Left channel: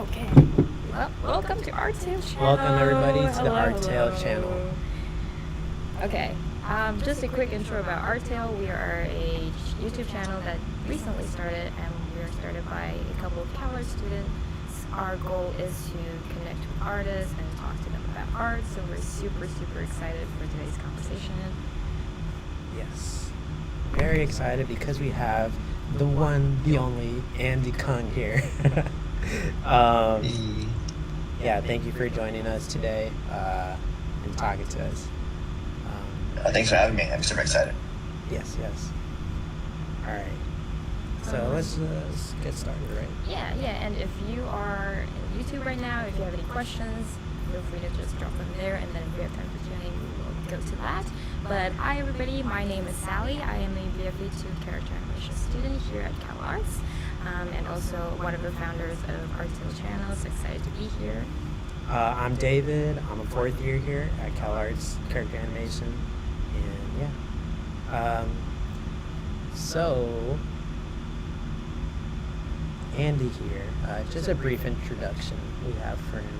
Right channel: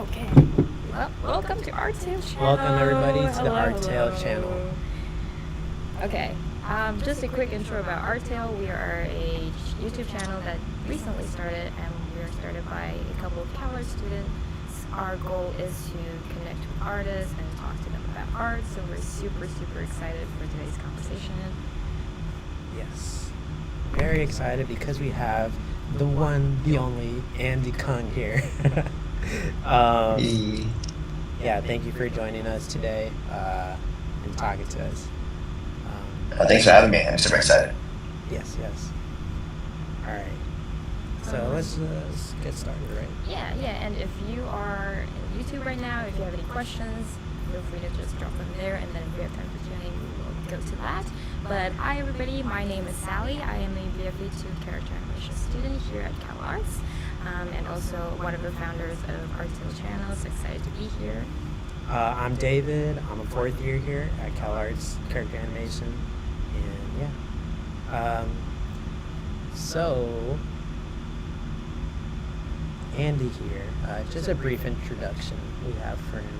Okay. Well, welcome to Artale channel. Welcome everybody to the Artale channel. Okay. Just a quick intro about Artale. We are a YouTube channel that recently started, and we are started by a couple of CalArts students. Our goal is to connect with artists and talk to them about art. So we're super excited for today's conversation. Yes. Very excited because we have the one, the only Andy Cung here. Yeah, thank you for joining us today and talking to us. Thanks for having me. I'm super excited. Yes. All right. So let's get started, right? Yeah. And if you are in YouTube right now, if you have any questions, feel free to just drop them there, and then if we have time for Q&A, we will go to that. But hi everybody, my name is Sally. I am a VFA 2 character animation student here at CalArts, and also one of the founders of Artale channels. Excited to be here. I'm David. I'm a fourth year here at CalArts Character Animation, and yeah. So Andy here. Just a brief introduction we have for him.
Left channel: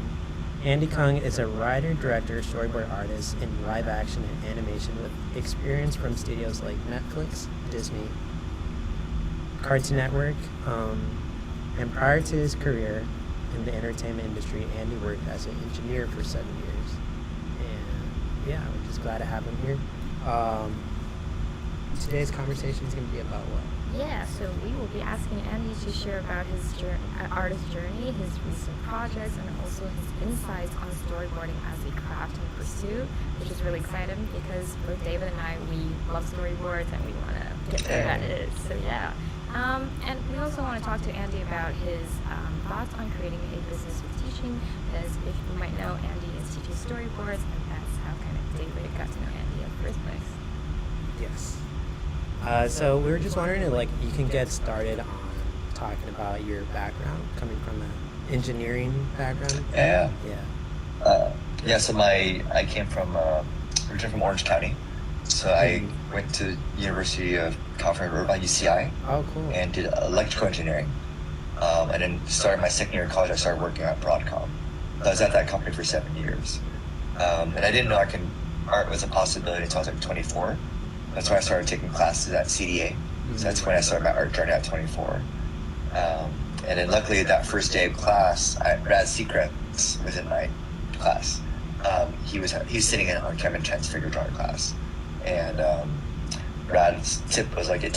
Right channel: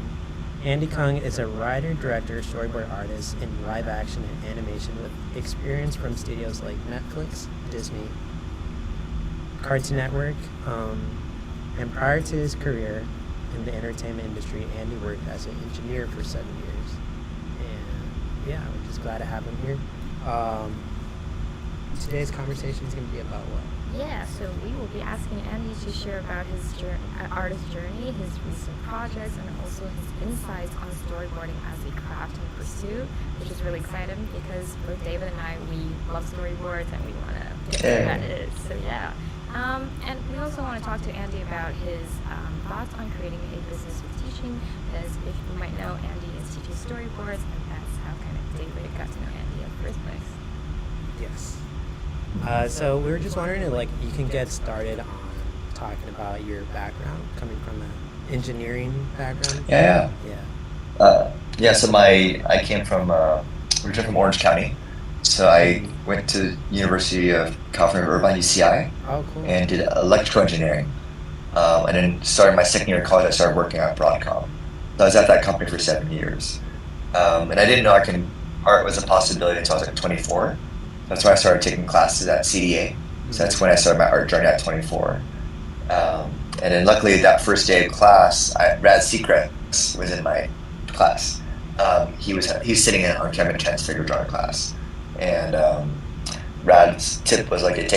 Andy Cung is a writer, director, storyboard artist in live action and animation with experience from studios like Netflix, Disney, Cartoon Network, and prior to his career in the entertainment industry, Andy worked as an engineer for 7 years. And yeah, we're just glad to have him here. Today's conversation is going to be about what? Yeah, so we will be asking Andy to share about his artist journey, his recent projects, and also his insights on storyboarding as a craft and pursuit, which is really exciting because both David and I, we love storyboards and we want to get where that is. So yeah. And we also want to talk to Andy about his thoughts on creating a business with teaching, because if you might know, Andy is teaching storyboards, and that's how kind of David got to know Andy in the first place. Yes. So we were just wondering if, like, you can get started on talking about your background, coming from an engineering background. Yeah. So I came from originally from Orange County, so I went to University of California Irvine (UCI) Oh, cool. and did electrical engineering. And then started my second year of college. I started working at Broadcom. So I was at that company for 7 years, and I didn't know art was a possibility until I was like 24. That's when I started taking classes at CDA. So that's when I started my art journey at 24. And then luckily that first day of class, Rad Secrets was in my class. He was sitting in on Kevin Chan's figure drawing class. And Rad's tip was like,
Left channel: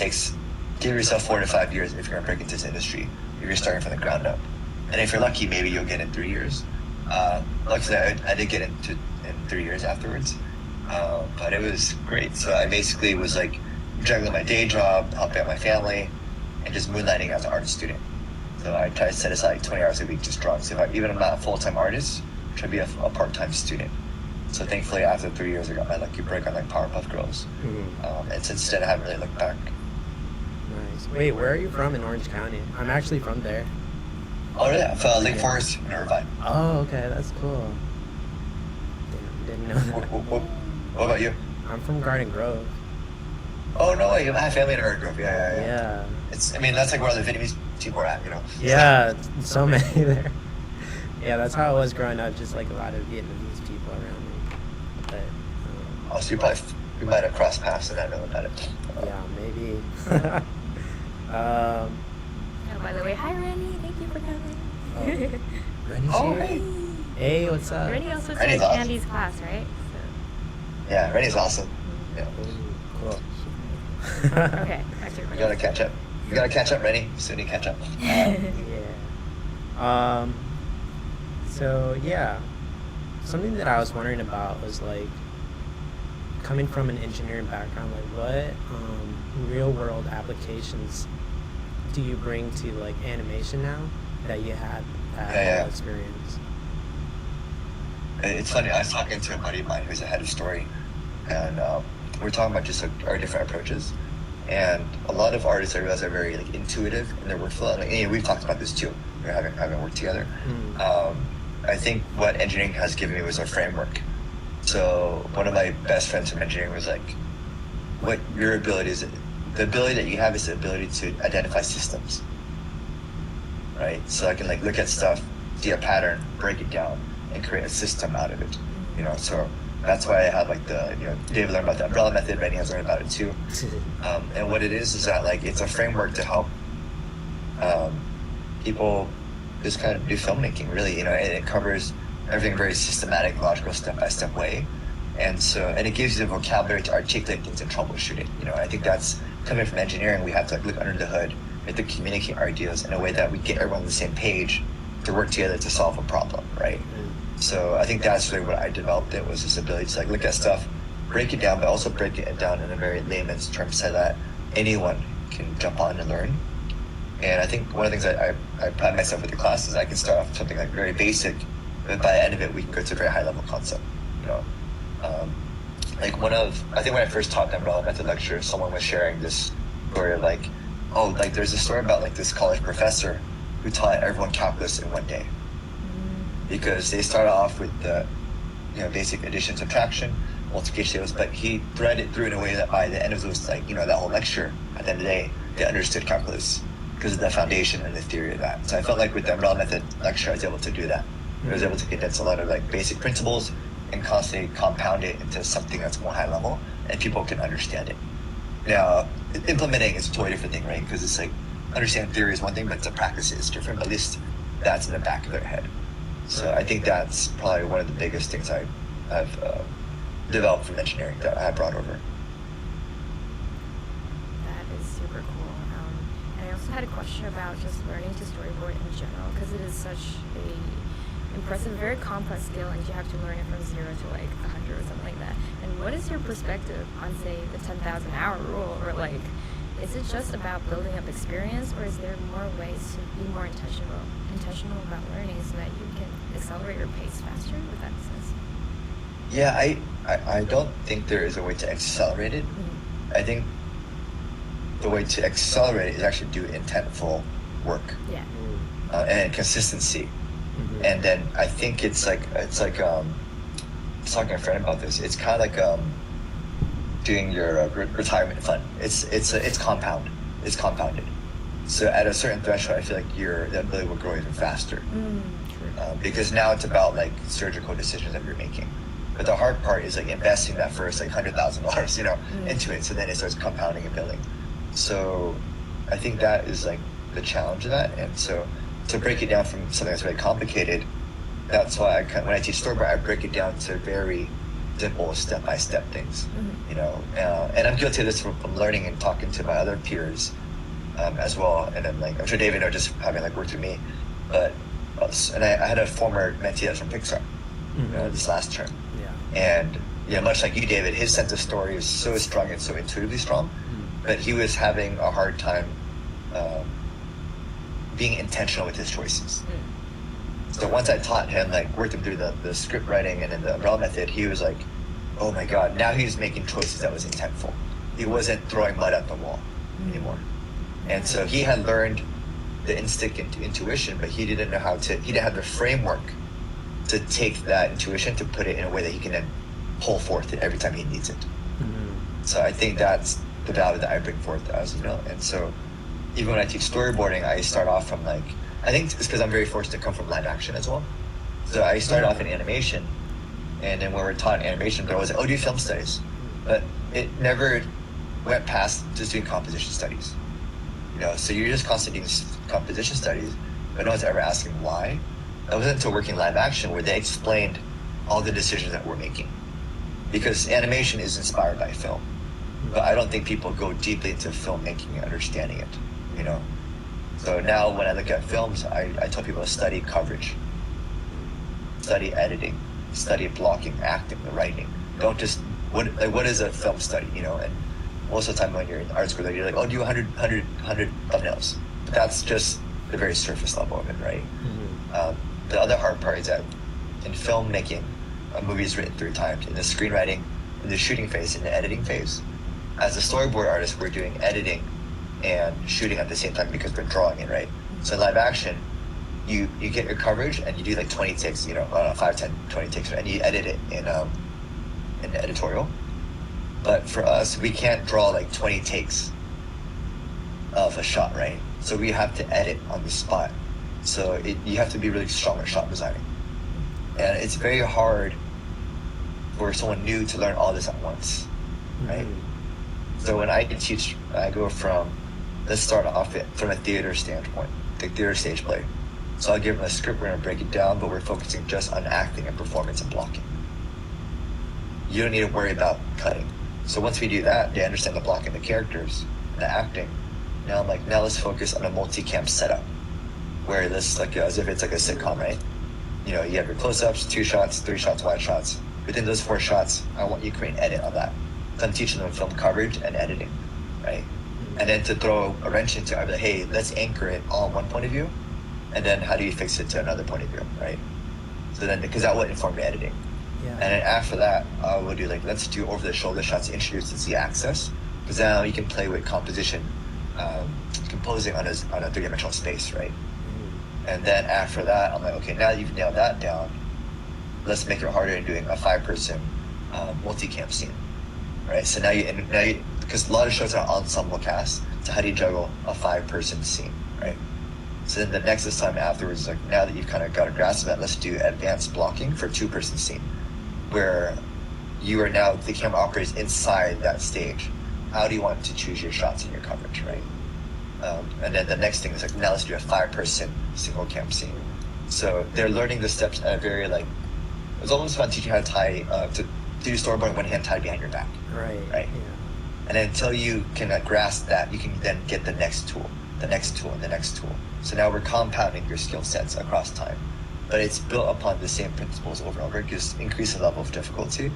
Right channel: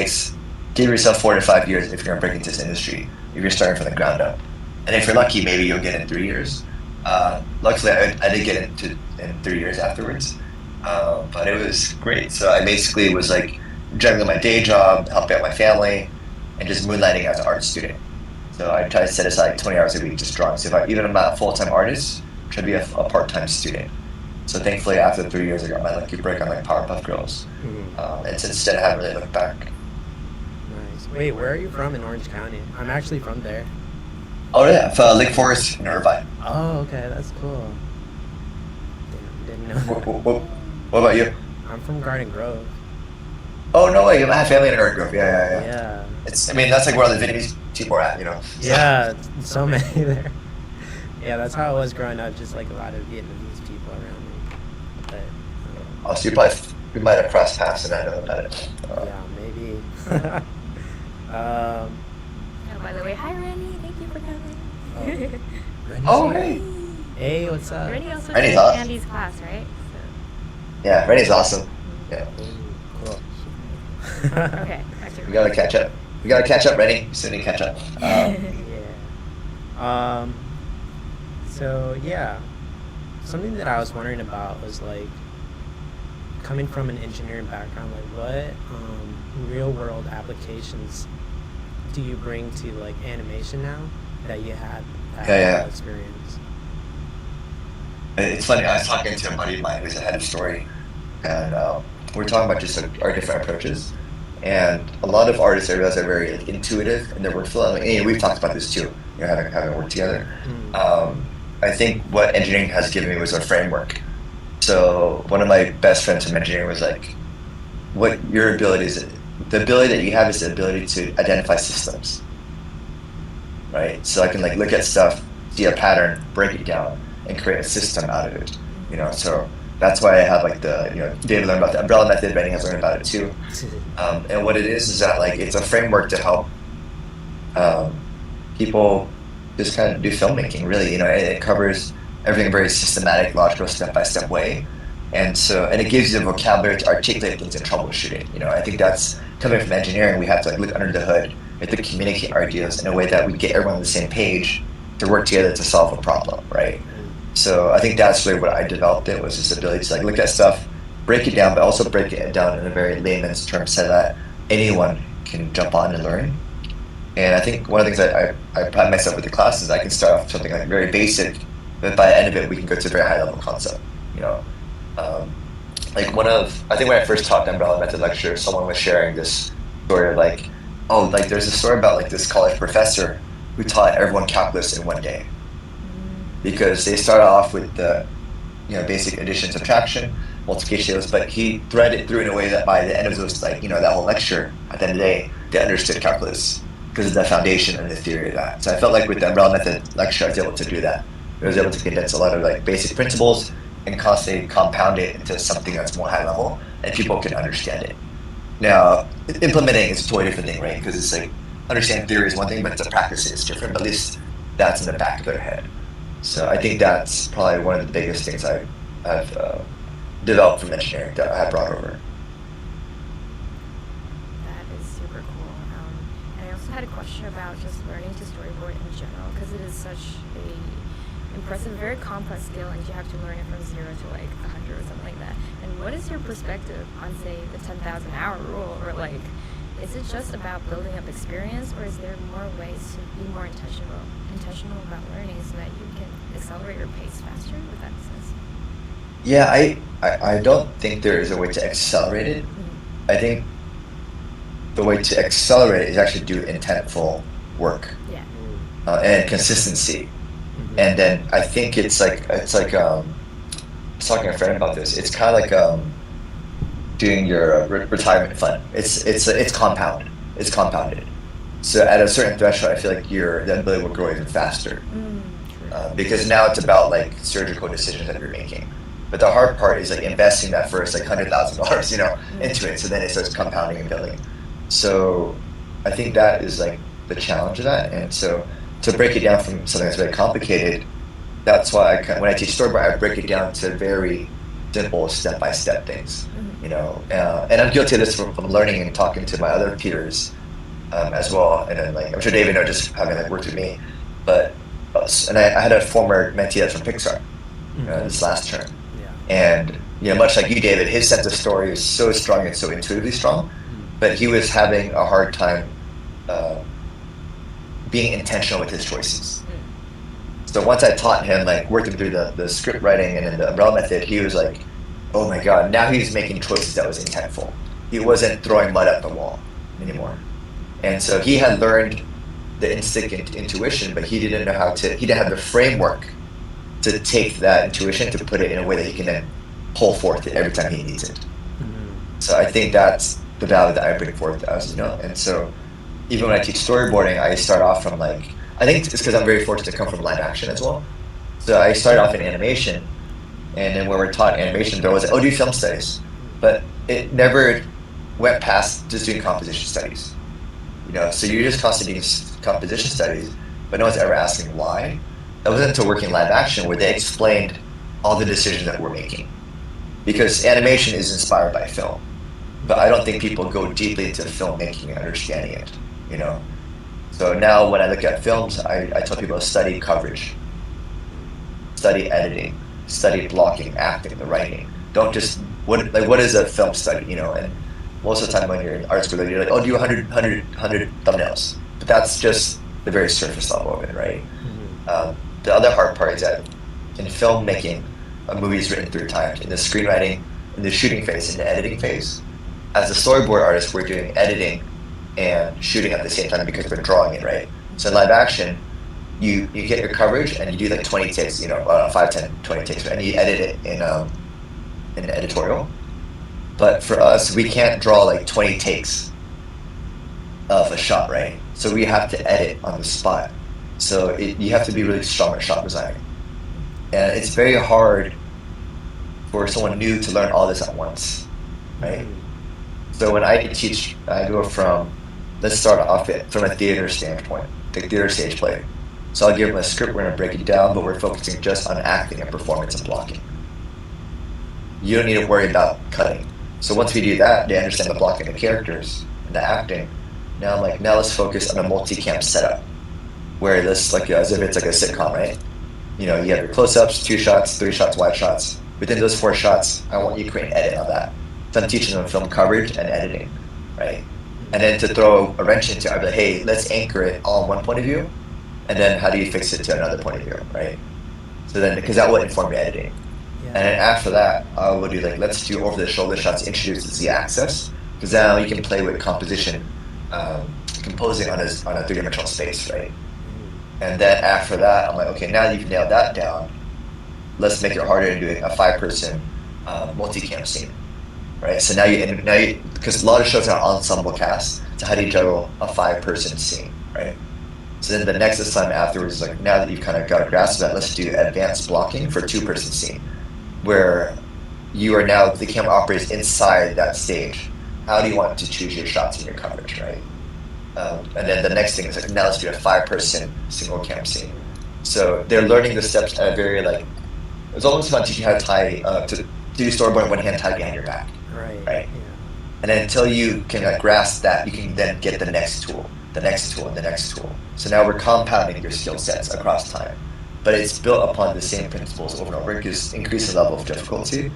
give yourself 4 to 5 years if you're going to break into this industry, if you're starting from the ground up. And if you're lucky, maybe you'll get it in 3 years. Luckily, I did get it in 3 years afterwards. But it was great. So I basically was like juggling my day job, helping out my family, and just moonlighting as an art student. So I try to set aside 20 hours a week just drawing. So even if I'm not a full-time artist, I try to be a part-time student. So thankfully, after the 3 years, I got my lucky break on my Powerpuff Girls. And since then, I haven't really looked back. Nice. Wait, where are you from in Orange County? I'm actually from there. Oh yeah, from Lake Forest in Irvine. Oh, okay, that's cool. Didn't know. What about you? I'm from Garden Grove. Oh no way, you have family in Garden Grove. Yeah. Yeah. That's like where all the Vietnamese people are at, you know. Yeah, so many there. Yeah, that's how it was growing up, just like a lot of Vietnamese people around me. But So we might have crossed paths and I don't know about it. yeah, maybe. Oh, by the way, hi Rennie, thank you for coming. Hey. Hey, what's up? Rennie also Rennie's took awesome. Andy's class, right? Yeah, Rennie's awesome. Yeah. Ooh, cool. Okay, back to You gotta catch up. You gotta catch up, Rennie. You still need to catch up. Yeah. So yeah, something that I was wondering about was like coming from an engineering background, like what real world applications do you bring to like animation now that you had that experience? It's funny, I was talking to a buddy of mine who's a head of story, and we're talking about just our different approaches. And a lot of artists are very like, intuitive in their workflow. And we've talked about this too, you know, how we work together. I think what engineering has given me was a framework. So one of my best friends from engineering was like, what your ability is, the ability that you have is the ability to identify systems, right? So I can like look at stuff see a pattern, break it down, and create a system out of it. So that's why I have like David learned about the umbrella method, but I learned about it too. And what it is that like it's a framework to help people just kind of do filmmaking. Really, it covers everything in a very systematic, logical, step-by-step way. And it gives you the vocabulary to articulate things and troubleshoot it. I think that's coming from engineering. We have to look under the hood. We have to communicate our ideas in a way that we get everyone on the same page to work together to solve a problem, right? So I think that's really what I developed. It was this ability to look at stuff, break it down, but also break it down in a very layman's terms so that anyone can jump on and learn. And I think one of the things that I pride myself with the class is I can start off something like very basic, but by the end of it, we can go to a very high level concept. I think when I first taught an umbrella method lecture, someone was sharing this story there's a story about this college professor who taught everyone calculus in one day. Because they started off with the basic addition, subtraction, multiplication, but he threaded it through in a way that by the end of that whole lecture, at the end of the day, they understood calculus because of the foundation and the theory of that. So I felt like with the umbrella method lecture, I was able to do that. I was able to get into a lot of basic principles and constantly compound it into something that's more high level and people can understand it. Now, implementing is a totally different thing, right? Because it's understanding theory is one thing, but the practice is different. At least that's in the back of their head. So I think that's probably one of the biggest things I've developed from engineering that I brought over. That is super cool. And I also had a question about just learning to storyboard in general, because it is such a impressive, very complex skill, and you have to learn it from 0 to 100 or something like that. And what is your perspective on, say, the 10,000 hour rule, or is it just about building up experience, or is there more ways to be more intentional about learning so that you can accelerate your pace faster? If that makes sense. Yeah, I don't think there is a way to accelerate it. Mm-hmm. I think the way to accelerate is actually do intentful work. Yeah. And consistency. Mm-hmm. And then I think it's like I was talking to a friend about this. It's kind of like doing your retirement fund. It's compound. It's compounded. So at a certain threshold, I feel like that ability will grow even faster. Because now it's about surgical decisions that you're making. But the hard part is investing that first $100,000 into it, so then it starts compounding and building. So I think that is the challenge of that. And so to break it down from something that's very complicated, that's why when I teach storyboard, I break it down to very simple step-by-step things. And I'm guilty of this from learning and talking to my other peers as well. And I'm sure David knows just having worked with me. And I had a former mentee that's from Pixar this last term. Yeah. And much like you, David, his sense of story is so strong and so intuitively strong, but he was having a hard time being intentional with his choices. So once I taught him working through the script writing and the umbrella method, he was like, oh my god, now he's making choices that was intentful. He wasn't throwing mud at the wall anymore. And so he had learned the instinct intuition, but he didn't have the framework to take that intuition to put it in a way that he can then pull forth it every time he needs it. Mm-hmm. So I think that's the value that I bring forth as, and so even when I teach storyboarding, I start off from I think it's because I'm very fortunate to come from live action as well. So I started off in animation, and when we're taught animation, there was do film studies, but it never went past just doing composition studies. So you're just constantly doing composition studies, but no one's ever asking why. That wasn't until working live action where they explained all the decisions that we're making. Because animation is inspired by film, but I don't think people go deeply into filmmaking and understanding it. So now when I look at films, I tell people to study coverage, study editing, study blocking, acting, the writing. Don't just what is a film study? And most of the time when you're in art school, you're like, do 100 thumbnails. But that's just the very surface level of it, right? Mm-hmm. The other hard part is that in filmmaking, a movie is written 3 times: in the screenwriting, in the shooting phase, and the editing phase. As a storyboard artist, we're doing editing and shooting at the same time because we're drawing it, right? So in live action, you get your coverage and you do 20 takes, 5, 10, 20 takes, and you edit it in an editorial. But for us, we can't draw 20 takes of a shot, right? So we have to edit on the spot. So you have to be really strong at shot designing. And it's very hard for someone new to learn all this at once, right? So when I teach, I go from, let's start off from a theater standpoint, the theater stage play. So I'll give them a script, we're going to break it down, but we're focusing just on acting and performance and blocking. You don't need to worry about cutting. So once we do that, they understand the blocking of the characters, the acting. Now I'm like, now let's focus on a multi-cam setup, where this, like, as if it's like a sitcom, right? You know, you have your close-ups, 2 shots, 3 shots, wide shots. Within those 4 shots, I want you to create an edit on that. So I'm teaching them film coverage and editing, right? And then to throw a wrench into it, like, hey, let's anchor it all in one point of view, and then how do you fix it to another point of view, right? So then, because that would inform your editing. Yeah. And then after that, I would do like, let's do over-the-shoulder shots, introduce the Z-axis, because now you can play with composition, composing on a 3-dimensional space, right? And then after that, I'm like, okay, now that you've nailed that down, let's make it harder doing a 5-person multi-cam scene, right? So now you, because a lot of shows have ensemble cast, so how do you juggle a 5-person scene, right? So then the next assignment afterwards is like, now that you kind of got a grasp of that, let's do advanced blocking for a 2-person scene, where you are now, the camera operates inside that stage. How do you want to choose your shots in your coverage, right? And then the next thing is like, now let's do a 5-person single cam scene. So they're learning the steps at a very, like, it's almost about teaching how to tie, to do storyboard one hand tied behind your back. Right. Yeah. And then until you can grasp that, you can then get the next tool, the next tool, and the next tool. So now we're compounding your skill sets across time. But it's built upon the same principles over and over, just increase the level of difficulty.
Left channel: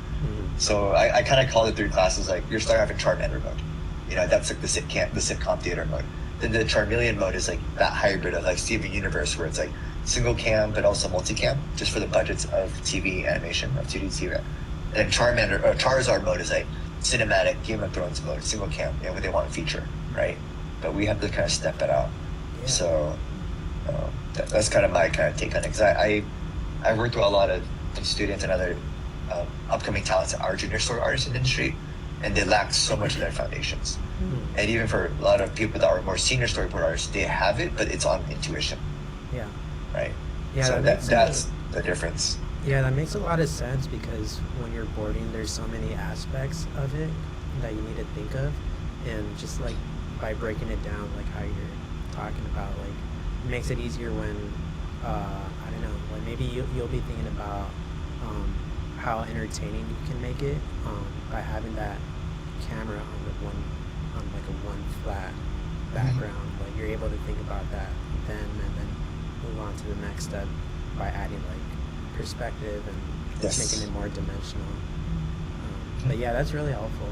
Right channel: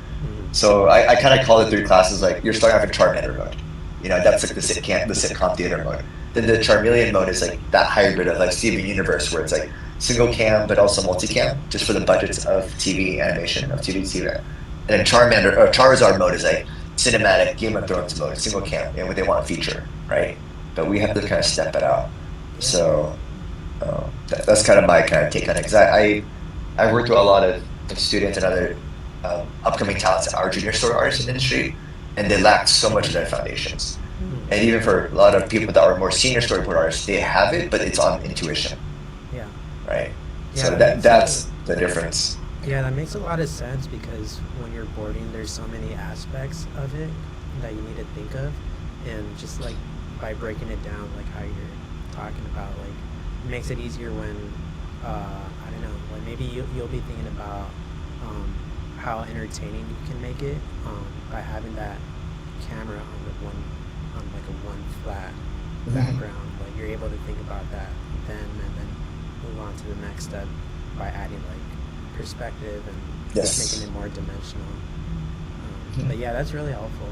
So I kind of call it through classes like, you're starting off a Charmander mode. You know, that's like the sitcom theater mode. Then the Charmeleon mode is like that hybrid of like Steven Universe, where it's like single cam but also multi-cam, just for the budgets of TV animation, of TV theater. And then Charmander, or Charizard mode is like cinematic, Game of Thrones mode, single cam, you know, they want a feature, right? But we have to kind of step it out. So that's kind of my kind of take on it. Because I worked with a lot of students and other upcoming talents in our junior story artist industry, and they lack so much of their foundations. And even for a lot of people that are more senior storyboard artists, they have it, but it's on intuition. Yeah. Right? Yeah, so that's the difference. Yeah, that makes a lot of sense, because when you're boarding, there's so many aspects of it that you need to think of. And just like by breaking it down, like how you're talking about, like, it makes it easier when, I don't know, like maybe you'll be thinking about how entertaining you can make it by having that camera on like a one flat background. Like you're able to think about that then, and then move on to the next step by adding like perspective and just making it more dimensional. But yeah, that's really helpful.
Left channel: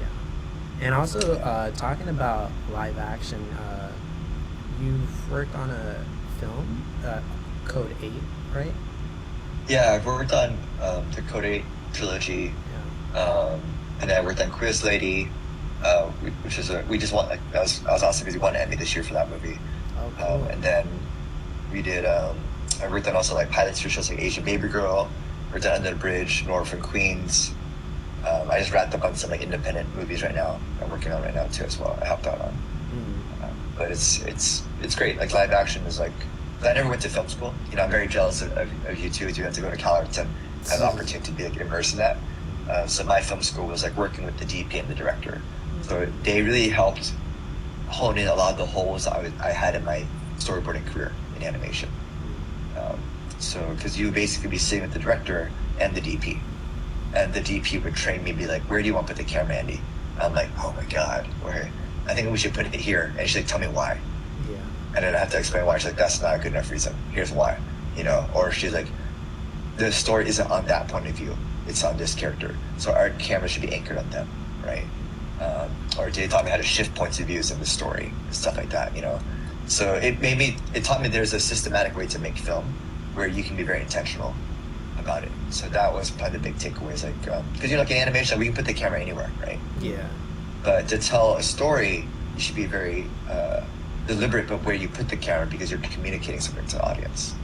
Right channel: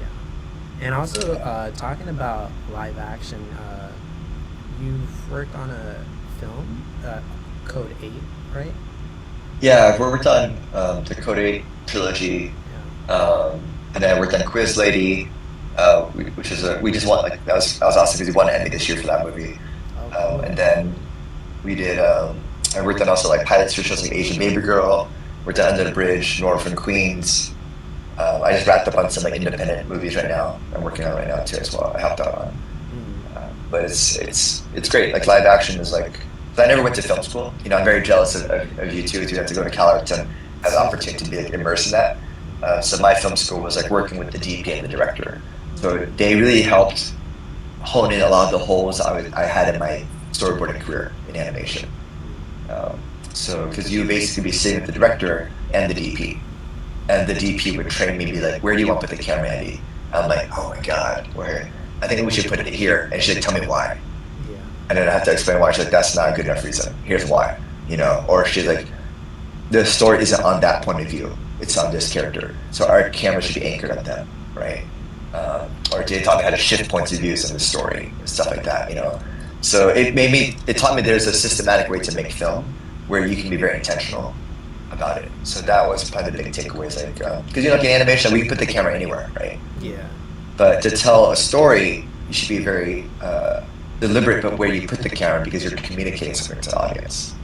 Yeah, and also talking about live action, you've worked on a film, Code 8, right? Yeah, we worked on the Code 8 trilogy, and then I worked on Quiz Lady, which is we just won, like, that was awesome, we won Emmy this year for that movie. And then we did, I worked on also like pilots for shows like Asian Baby Girl, worked on Under the Bridge, North from Queens. I just wrapped up on some like independent movies right now. I'm working on right now too as well. I helped out on. But it's great. Like live action is like, I never went to film school. You know, I'm very jealous of you two who have to go to CalArts and have the opportunity to be like, immersed in that. So my film school was like working with the DP and the director. So they really helped hone in a lot of the holes I had in my storyboarding career in animation. So because you basically be sitting with the director and the DP. And the DP would train me to be like, where do you want to put the camera, Andy? And I'm like, oh my God, where? I think we should put it here. And she'd tell me why. Yeah. And then I have to explain why. She's like, that's not a good enough reason. Here's why. You know, or she's like, the story isn't on that point of view. It's on this character. So our camera should be anchored on them, right? Or they taught me how to shift points of views in the story, stuff like that, you know. So it taught me there's a systematic way to make film where you can be very intentional about it. So that was probably the big takeaway. Because you know, in animation, we put the camera anywhere, right? Yeah. But to tell a story, you should be very deliberate about where you put the camera because you're communicating something to the audience.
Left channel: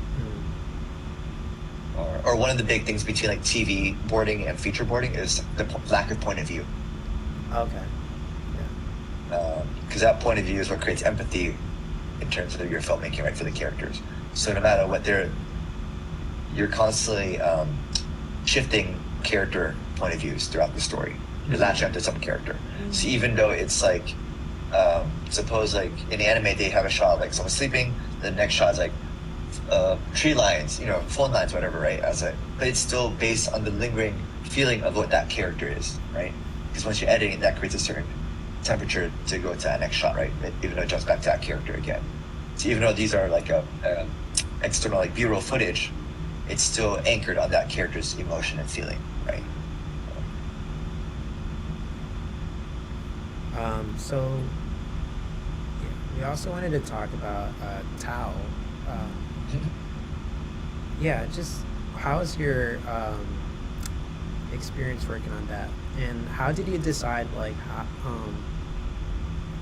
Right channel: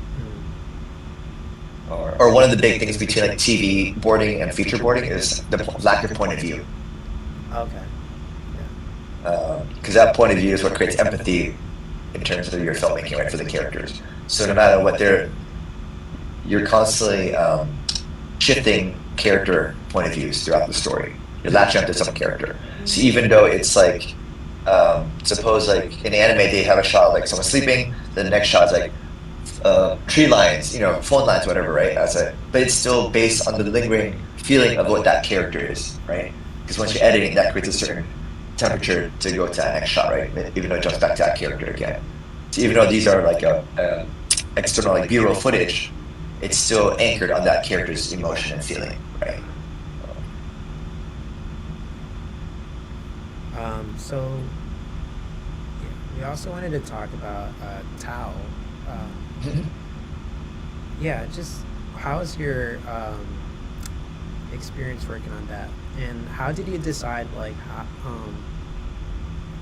Or one of the big things between like TV boarding and feature boarding is the lack of point of view. Okay. Yeah. Because that point of view is what creates empathy in terms of your filmmaking, right, for the characters. So no matter what you're constantly shifting character point of views throughout the story. You're latching onto some character. So even though it's like, suppose like in anime they have a shot like someone sleeping, then the next shot's like tree lines, phone lines, whatever, right? But it's still based on the lingering feeling of what that character is, right? Because once you're editing, that creates a certain temperature to go to that next shot, right? Even though it jumps back to that character again. So even though these are like external like B-roll footage, it's still anchored on that character's emotion and feeling, right? So we also wanted to talk about Thao. Yeah, just how's your experience working on that, and how did you decide like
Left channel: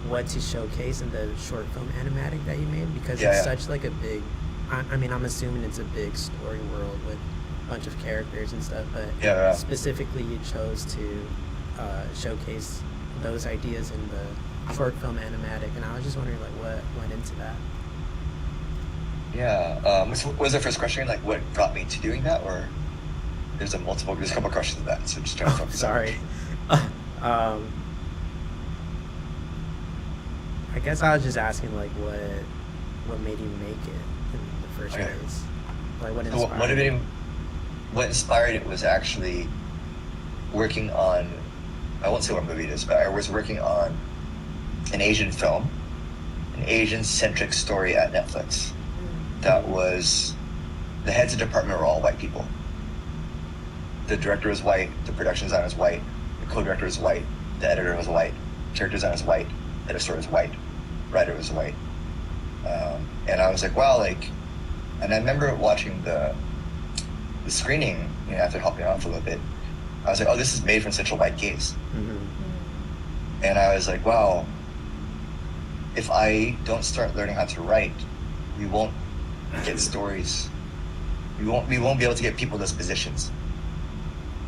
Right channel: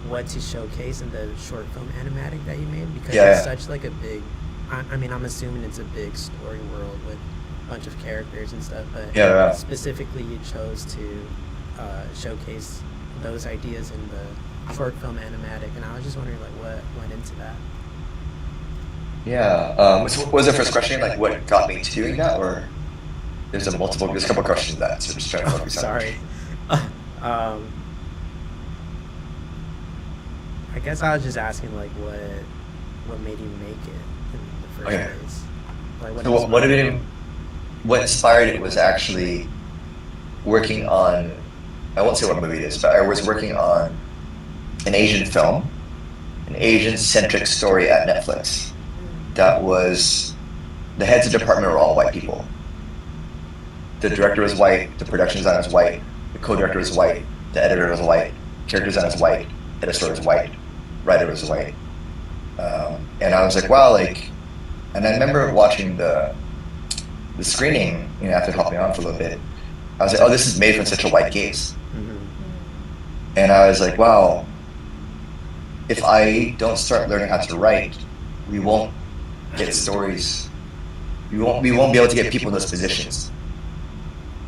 what to showcase in the short film animatic that you made? Because it's such like a big, I mean, I'm assuming it's a big story world with a bunch of characters and stuff, but specifically you chose to showcase those ideas in the short film animatic, and I was just wondering like what went into that. Yeah. Was the first question like what got me to doing that, or there's a couple questions to that? So just trying to Sorry. I guess I was just asking like what made you make it in the first place. Like what inspired it was actually working on, I won't say what movie it is, but I was working on an Asian film, an Asian-centric story at Netflix. That was, the heads of the department were all white people. The director is white, the production designer is white, the co-director is white, the editor is white, character designer is white, editor is white, writer is white. And I was like, wow, like, and then I remember watching the screening, after hopping on for a little bit. I was like, oh, this is made with such a white gaze. And I was like, wow, if I don't start learning how to write, we won't get stories. We won't be able to get people in those positions.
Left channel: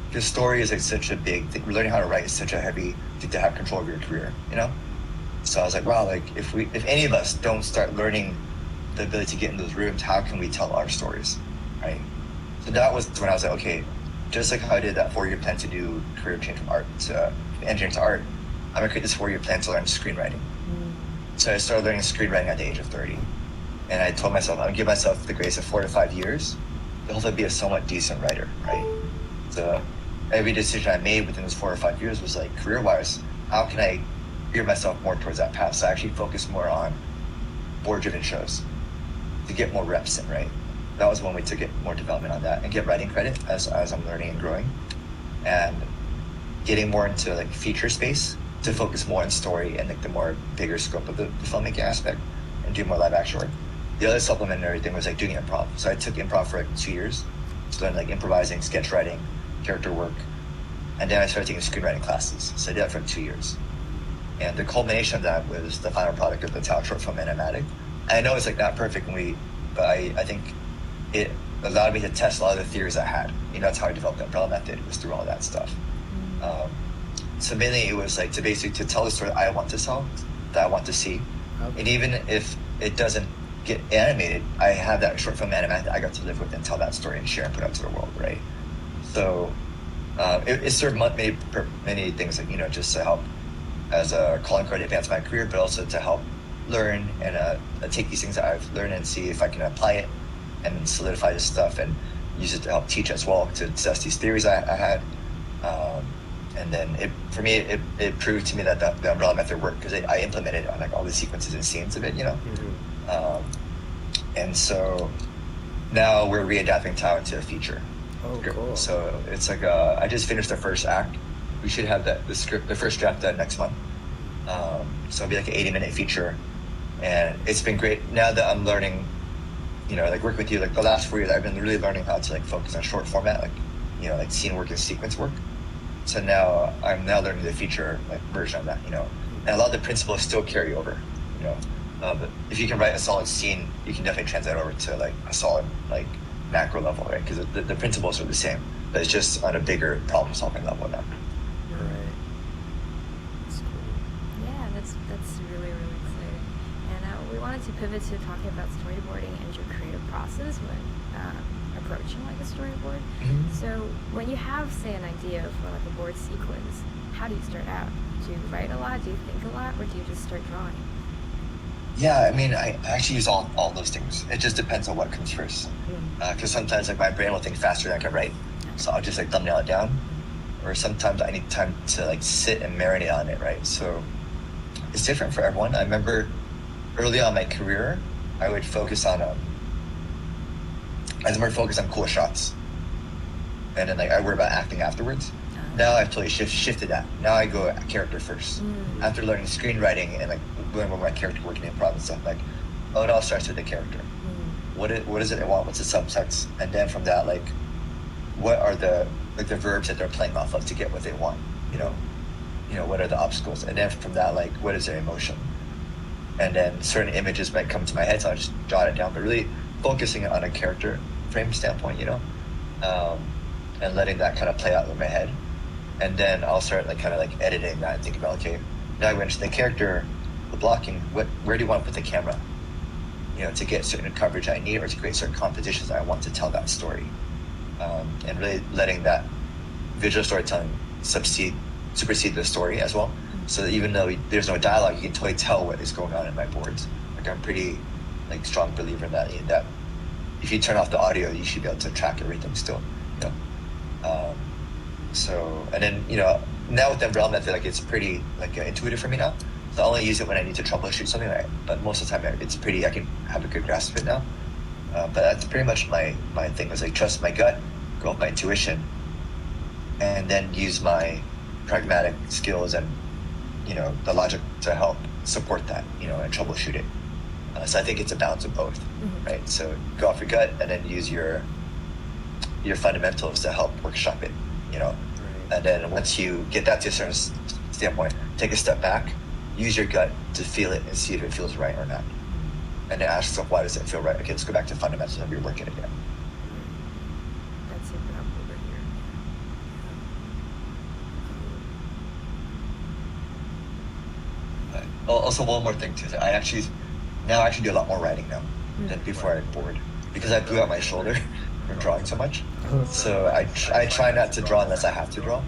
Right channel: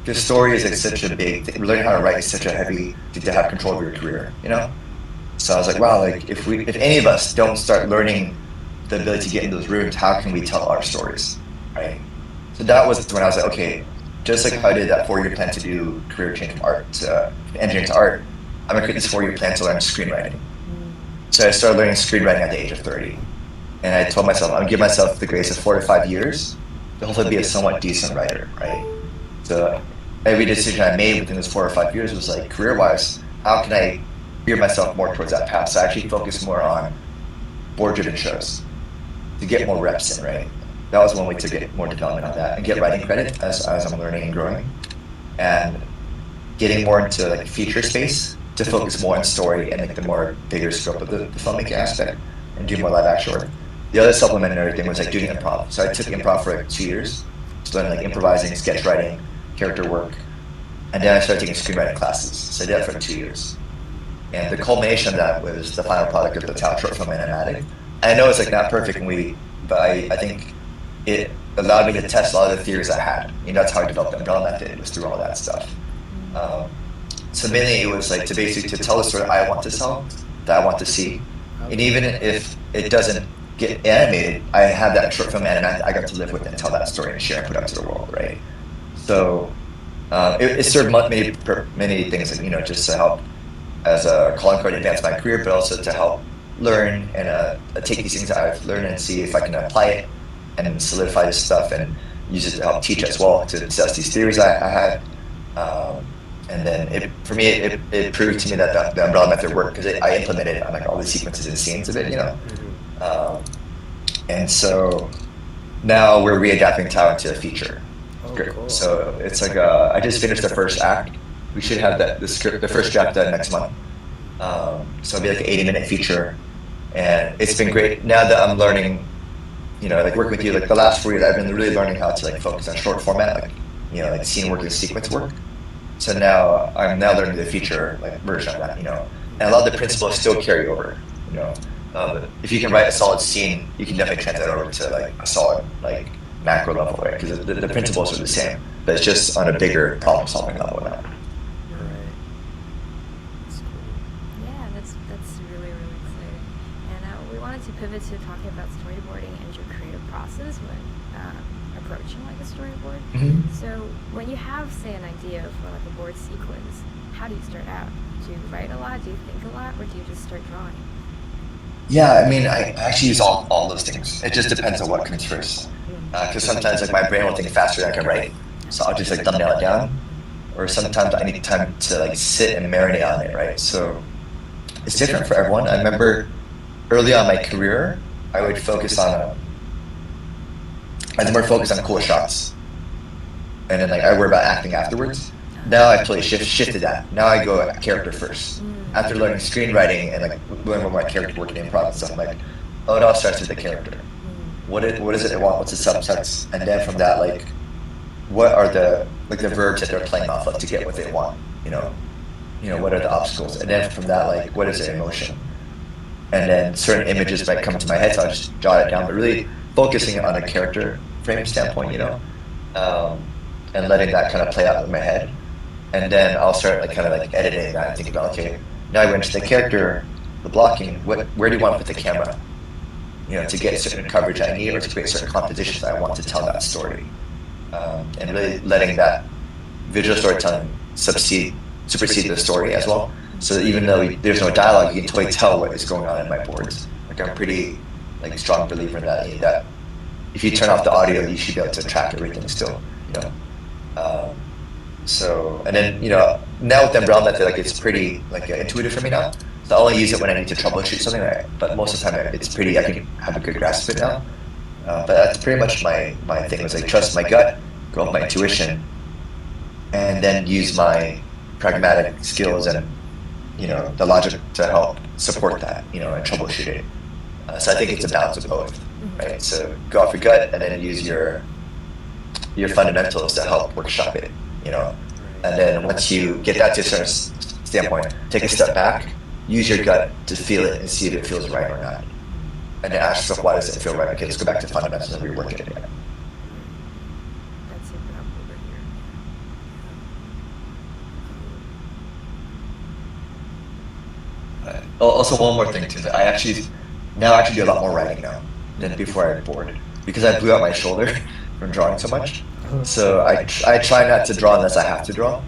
Because story is like such a big thing. Learning how to write is such a heavy to have control over your career, So I was like, wow, like if any of us don't start learning the ability to get into those rooms, how can we tell our stories, right? So that was when I was like, okay, just like how I did that 4-year plan to do career change art, engineering to art, I'm gonna create this 4-year plan to learn screenwriting. So I started learning screenwriting at the age of 30. And I told myself, I'm gonna give myself the grace of 4 to 5 years to hopefully be a somewhat decent writer, right? So every decision I made within those 4 or 5 years was like, career-wise, how can I gear myself more towards that path? So I actually focused more on board-driven shows to get more reps in, right? That was one way to get more development on that and get writing credit as I'm learning and growing, and getting more into like feature space to focus more on story and like the more bigger scope of the filmmaking aspect and do more of that actual work. The other supplement and everything was like doing improv. So I took improv for like 2 years, studying like improvising, sketch writing, character work, and then I started taking screenwriting classes. So I did that for 2 years. And the culmination of that was the final product of the Thao short film animatic. And I know it's like not perfectly, but I think it allowed me to test a lot of the theories I had. That's how I developed the neural method, was through all that stuff. So mainly it was like to basically to tell the story I want to tell, that I want to see. And even if it doesn't get animated, I had that short film and I got to live with it and tell that story and share it with the world, right? So it served many things, just to help as a calling card to advance my career, but also to help learn and take these things that I've learned and see if I can apply it and solidify this stuff and use it to help teach as well, to assess these theories I had. And then for me, it proved to me that the umbrella method worked because I implemented all the sequences and scenes of it, and so now we're readapting Thao to a feature. Oh, cool. So it's like I just finished the first act. We should have the first draft done next month. So it'll be like an 80-minute feature, and it's been great. Now that I'm learning, like working with you, like the last 4 years, I've been really learning how to like focus on short format, like scene work and sequence work. So now I'm learning the feature version of that, and a lot of the principles still carry over. If you can write a solid scene, you can definitely translate that over to like a solid macro level, right? Because the principles are the same, but it's just on a bigger problem solving level now. Right. That's cool. Yeah, that's really exciting. And we wanted to pivot to talking about storyboarding and your creative process when approaching like a storyboard. So when you have, say, an idea for like a board sequence, how do you start out? Do you write a lot? Do you think a lot? Or do you just start drawing? Yeah, I mean, I actually use all those things. It just depends on what comes first. Because sometimes like, my brain will think faster than I can write. So I'll just like thumbnail it down. Or sometimes I need time to like sit and marinate on it, right? So it's different for everyone. I remember early on in my career, I would focus on, I was more focused on cool shots. And then like, I worry about acting afterwards. Now I totally shifted that. Now I go character first. After learning screenwriting and like learning more character work and improv and stuff, I'm like, oh, it all starts with the character. What does it want? What's the subtext? And then from that, like, what are the verbs that they're playing off of to get what they want? You know, what are the obstacles? And then from that, like, what is their emotion? And then certain images might come to my head, so I just jot it down. But really focusing on a character frame standpoint, and letting that kind of play out in my head. And then I'll start like kind of like editing that, thinking about, okay, now I go into the character, the blocking, where do you want with the camera? To get certain coverage I need, or to create certain compositions I want to tell that story. And really letting that visual storytelling supersede the story as well. So that even though there's no dialogue, you can totally tell what is going on in my boards. Like I'm pretty like strong believer that if you turn off the audio, you should be able to track everything still. So, and then, now with the umbrella method, like, it's pretty, like, intuitive for me now. So I'll only use it when I need to troubleshoot something, right? But most of the time, it's pretty, I can have a good grasp of it now. But that's pretty much my thing, is like, trust my gut, go with my intuition, and then use my pragmatic skills and, the logic to help support that, and troubleshoot it. So I think it's a balance of both, right? So go off your gut, and then use your fundamentals to help workshop it. And then once you get that to a certain standpoint, take a step back, use your gut to feel it and see if it feels right or not. And then ask yourself, why does it feel right? Okay, let's go back to fundamentals and rework it again. That's super helpful over here. Also, one more thing too. I actually do a lot more writing now than before I boarded, because I blew out my shoulder from drawing so much. So I try not to draw unless I have to draw.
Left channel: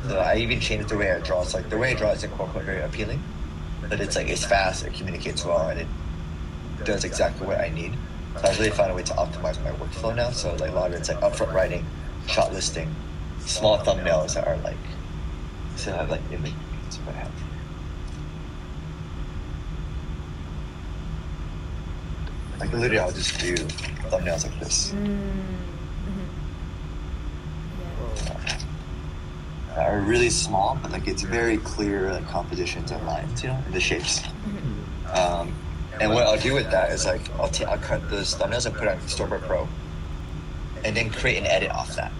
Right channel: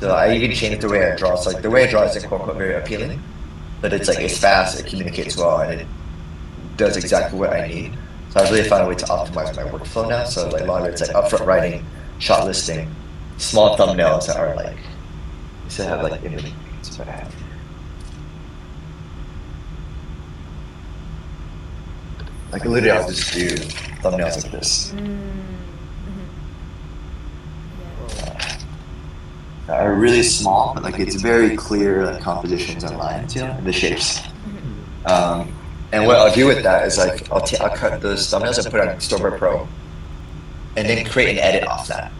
So I even changed the way I draw. So like the way I draw is like very appealing, but it's like it's fast, it communicates well, and it does exactly what I need. So I really found a way to optimize my workflow now. So like whether it's like upfront writing, shot listing, small thumbnails that are like that's what I have. Like literally, I'll just do thumbnails like this. Are really small, but like it's very clear the compositions and lines, the shapes. And what I'll do with that is like I'll cut those thumbnails and put it on Storyboard Pro, and then create an edit off that.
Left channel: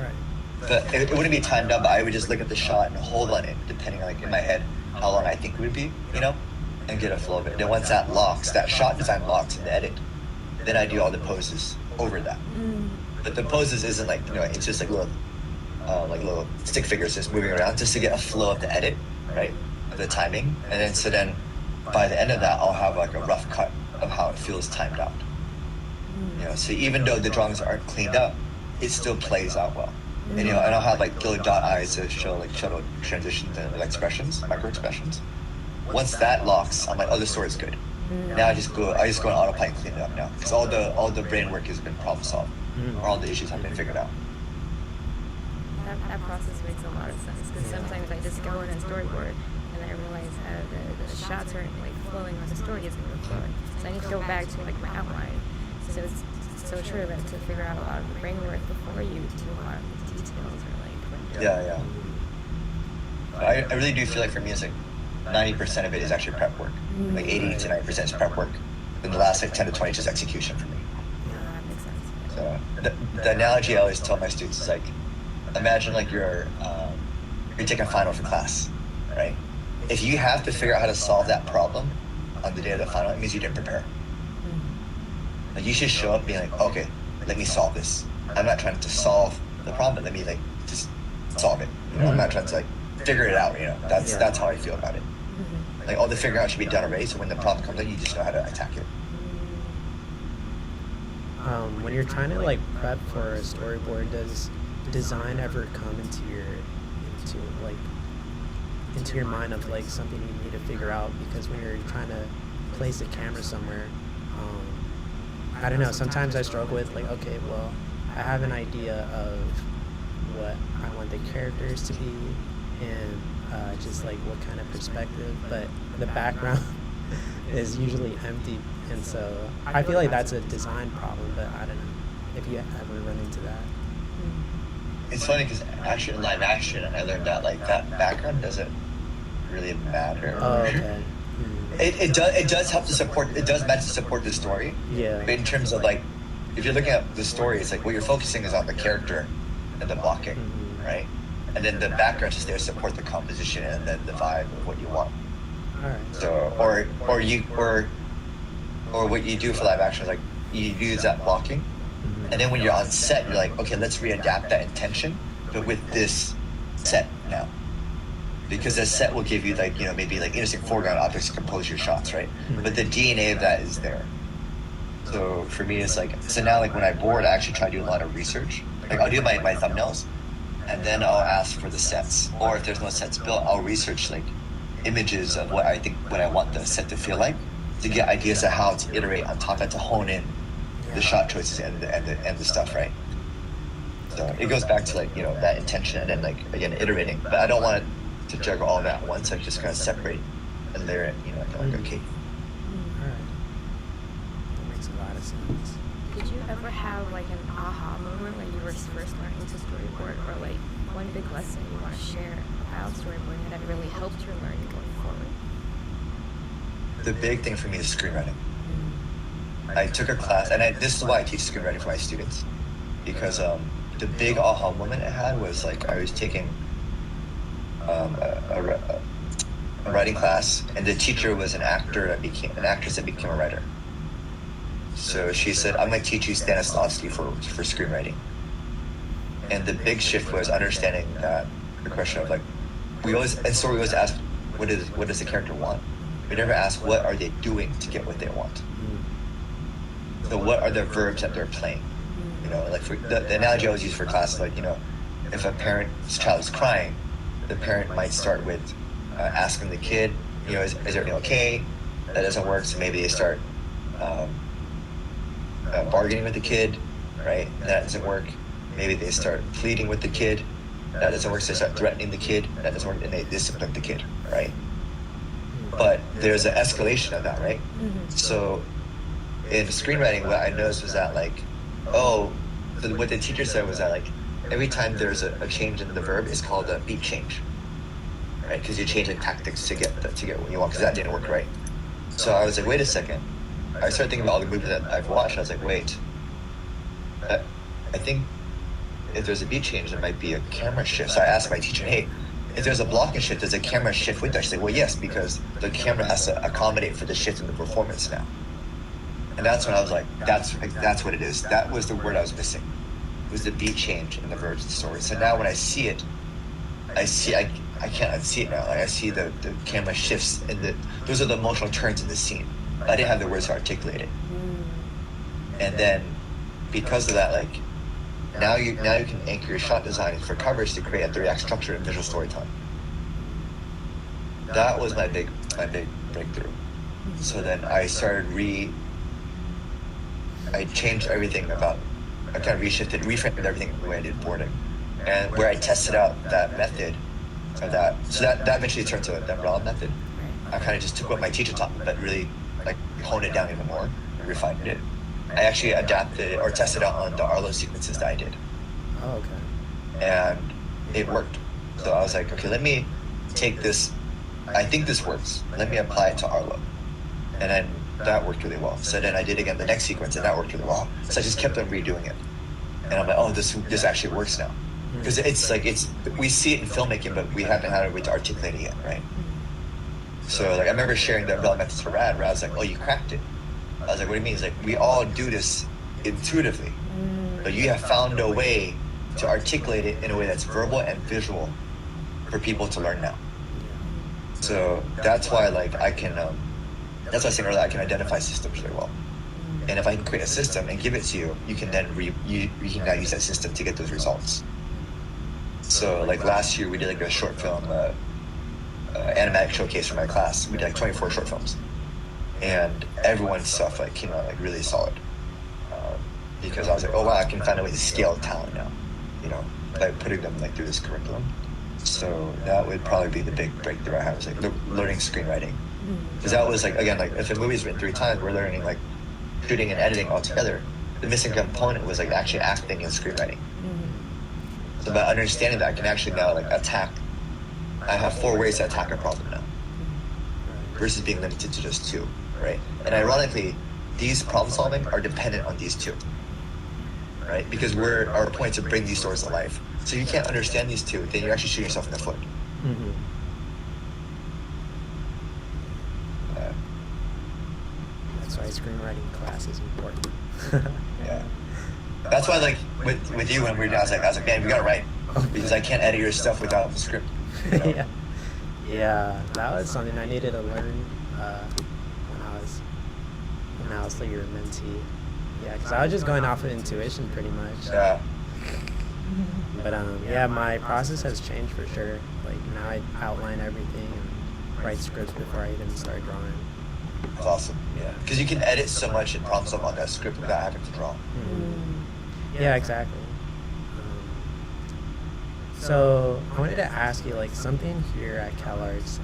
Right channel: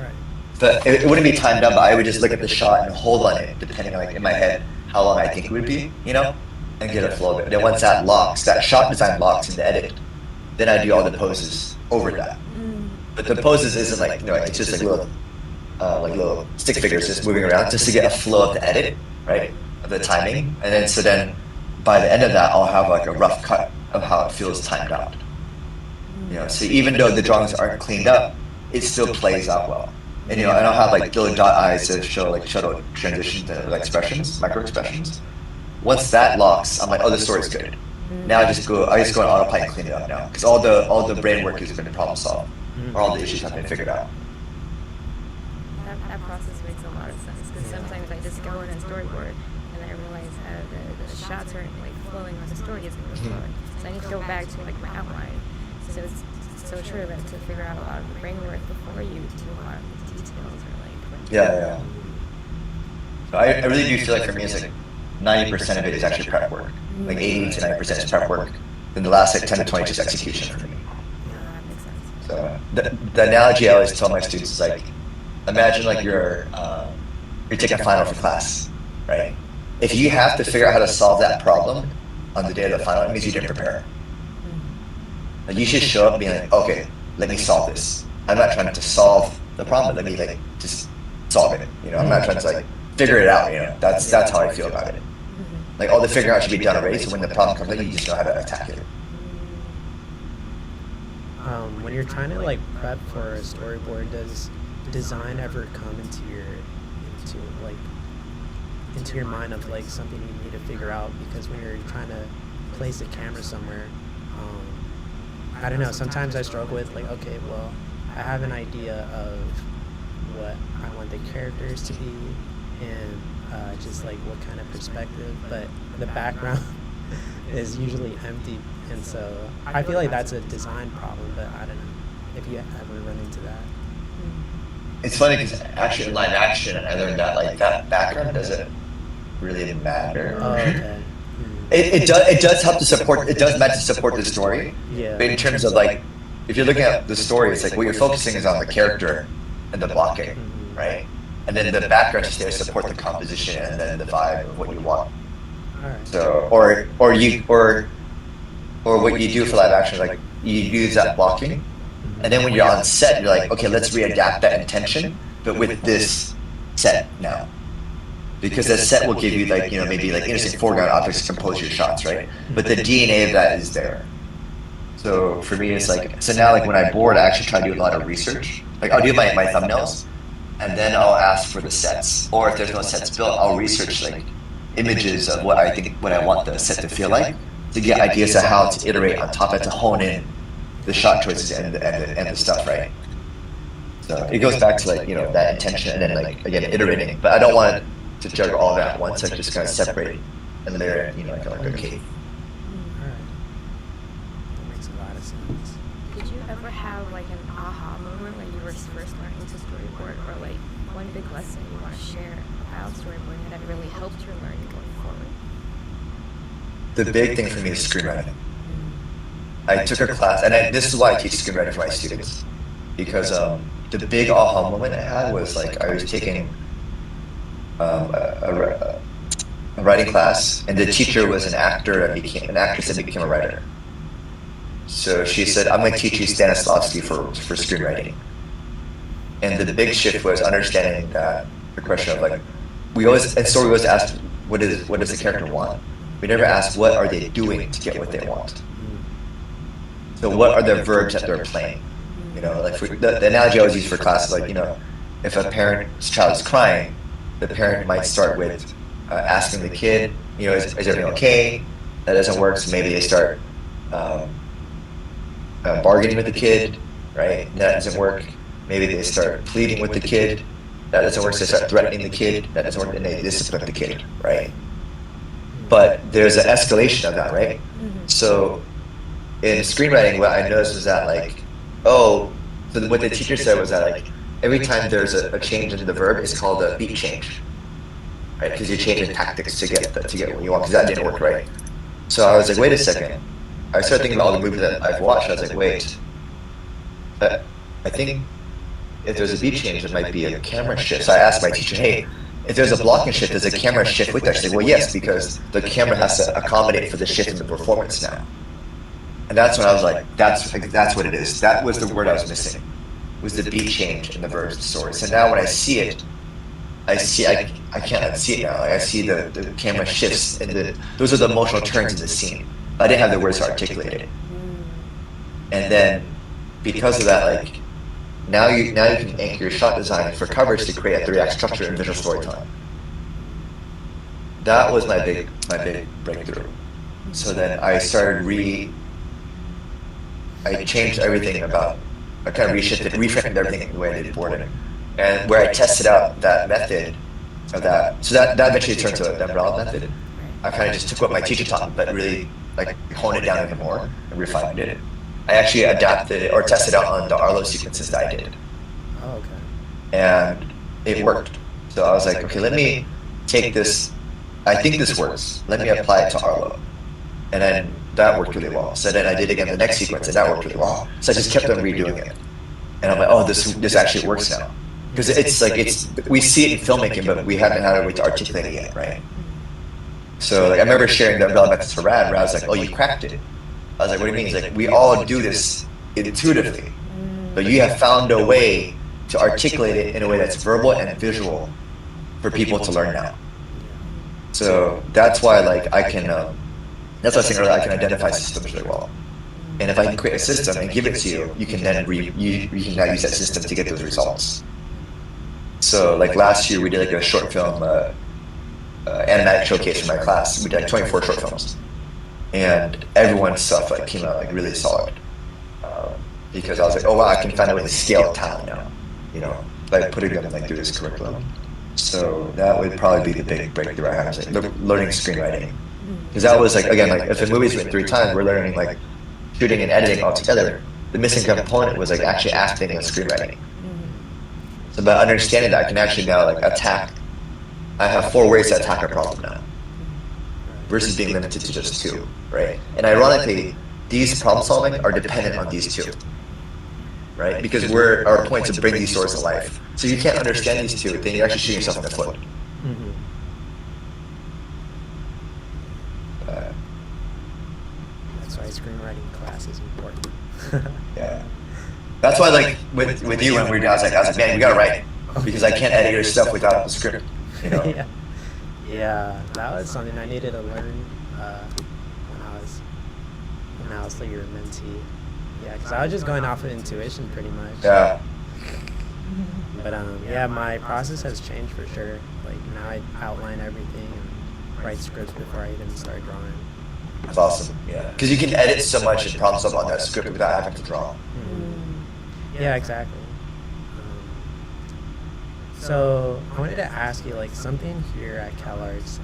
Right. But it wouldn't be timed up. I would just look at the shot and hold on it, depending on like in my head how long I think it would be, and get a flow of it. And then once that locks, that shot design locks in the edit, then I do all the poses over that. But the poses isn't like it's just like little stick figures just moving around just to get a flow of the edit, right? Of the timing. And then so then by the end of that I'll have like a rough cut of how it feels timed out. So even though the drawings aren't cleaned up, it still plays out well. And I don't have like little dot eyes to show like shadow transitions and like expressions, micro expressions. Once that locks, I'm like, oh, this story's good. Now I just go on autopilot and clean it up now. Because all the brain work has been problem solved. Or all the issues have been figured out. That process makes a lot of sense, because sometimes I just go in and storyboard and I realize the shots aren't like flowing when the story isn't really flowing. So I need to go back to like my outline. So it's so true that to figure out a lot of the brain work before you do a lot of the details or like. Yeah. I really do feel like for me it's like 90% of it is actually prep work. Like 80 to 90% is prep work. Then the last like 10 to 20 is execution for me. Yeah, that makes sense. So the analogy I always tell my students is like, imagine like you're taking a final from class, right? If you have to figure out how to solve that problem on the day of the final, it means you didn't prepare. Like you should show up being like, okay, let me solve this. I'm not trying to solve the problem, let me like just solve it. I'm not trying to like figure it out. That's how I feel about it. Like all the figuring out should be done already. So when the problem comes, like you just know how to attack it. When you're trying to like prep for a storyboard, does design ever come into your mind of like something you need to figure out? Because when you're trying to place a camera somewhere, I don't know, sometimes I struggle with like, okay, well, I have an idea of what I want the characters to be and just like what kind of perspective, but the background is usually empty, and so I feel like that's a design problem, but I don't know if you ever run into that. It's funny because actually, live action, I learned that like that background doesn't really matter. Oh, okay. It does help to support. It does meant to support the story. Yeah. But in terms of like, if you're looking at the story, it's like what you're focusing is on the character and the blocking, right? And then in the background, just to support the composition and then the vibe of what you want. All right. So, or what you do for live action, like you use that blocking, and then when you're on set, you're like, okay, let's readapt that intention, but with this set now. Because the set will give you like, maybe like instant foreground objects, composure shots, right? But the DNA of that is there. So for me, it's like, so now like when I board, I actually try to do a lot of research. Like I'll do my thumbnails, and then I'll ask for the sets. Or if there's no sets built, I'll research like images of what I want the set to feel like, to get ideas of how to iterate on top of it, to hone in the shot twists and the stuff, right? So it goes back to like, that intention and then like, again, iterating. But I don't want to juggle all that at once, I just kind of separate and then there, okay. Alright. That makes a lot of sense. Did you ever have like an aha moment when you were first learning to storyboard, or like one big lesson you want to share about storyboarding that really helped your learning going forward? The big thing for me is screenwriting. I took a class, and this is why I teach screenwriting to my students, because the big aha moment I had was like I was taking a writing class, and the teacher was an actor and became an actress and became a writer. So she said, I'm going to teach you Stanislavski for screenwriting. And the big shift was understanding that the question of like, story was asked, what does the character want? We never asked, what are they doing to get what they want? So what are the verbs that they're playing? Like the analogy I always use for class, like, if a parent's child is crying, the parent might start with asking the kid, is everything okay? That doesn't work, so maybe they start bargaining with the kid, right? That doesn't work. Maybe they start pleading with the kid. That doesn't work, so they start threatening the kid. That doesn't work, and they discipline the kid, right? But there's an escalation of that, right? Mm-hmm. So in screenwriting, what I noticed is that like, so what the teacher said was that like, every time there's a change in the verb, it's called a beat change, right? Because you're changing tactics to get what you want, because that didn't work, right? So I was like, wait a second. I started thinking about all the movies that I've watched. I was like, wait. But I think if there's a beat change, there might be a camera shift. So I asked my teacher, hey, if there's a blocking shift, is the camera shift with it? I said, well, yes, because the camera has to accommodate for the shift in the performance now. And that's when I was like, that's what it is. That was the word I was missing. Was the beat change in the verb source. And now when I see it, I can't see it now. I see the camera shifts, and those are the emotional turns in the scene. I didn't have the words to articulate it. And then, because of that, like, now you can anchor your shot design for coverage to create the direct structure and visual storytelling. That was my big breakthrough. So then I started I changed everything about, I kind of reframed everything the way I did boarding. And where I tested out that method of that, so that eventually turned to the umbrella method. I kind of just took what my teacher taught, but really like honed it down even more and refined it. I actually adapted it or tested out on the Arlo sequences that I did. Oh, okay. And it worked. So I was like, okay, let me take this, I think this works. Let me apply it to Arlo. And then that worked really well. So then I did it again the next sequence, and that worked really well. So I just kept on redoing it. And I'm like, oh, this actually works now. Because we see it in filmmaking, but we haven't had a way to articulate it, right? So like, I remember sharing the methods for Rad, where I was like, oh, you cracked it. I was like, what do you mean? He's like, we all do this intuitively, but you have found a way to articulate it in a way that's verbal and visual for people to learn now. So that's why like I can, that's why I think I can identify systems really well. And if I can create a system and give it to you, you can then you can now use that system to get the results. So like last year we did like a short film animatic showcase in my class. We did 24 short films, and everyone's stuff like came out like really solid. Because I was like, oh wow, I can finally scale talent now, you know, by putting them like through this curriculum. So that would probably be the big breakthrough I have, like learning screenwriting. Because that was like, again, like if the movie's like 3 times, we're learning like shooting and editing all together. The missing component was like actually acting and screenwriting. So by understanding that, I can actually now like attack. I have 4 ways to attack a problem now, versus being limited to just 2, right? And ironically, these problem solving are dependent on these 2, right? Because our point is to bring these stories to life. So you can't understand these 2, then you actually shoot yourself in the foot. That's why screenwriting class is important. Yeah. That's why, like, with you and we guys, like, man, you gotta write. Because I can't edit your stuff without the script. You know? Yeah, that was something I needed to learn when I was like your mentee. Yeah, because I was just going off of intuition pretty much. Yeah. But yeah, my process has changed for sure. Like now I outline everything and write scripts before I even start drawing. That's awesome. Yeah. Because you can edit so much and problem solve on that script without having to draw. Yeah, exactly. So I wanted to ask you, like, something here at CalArts,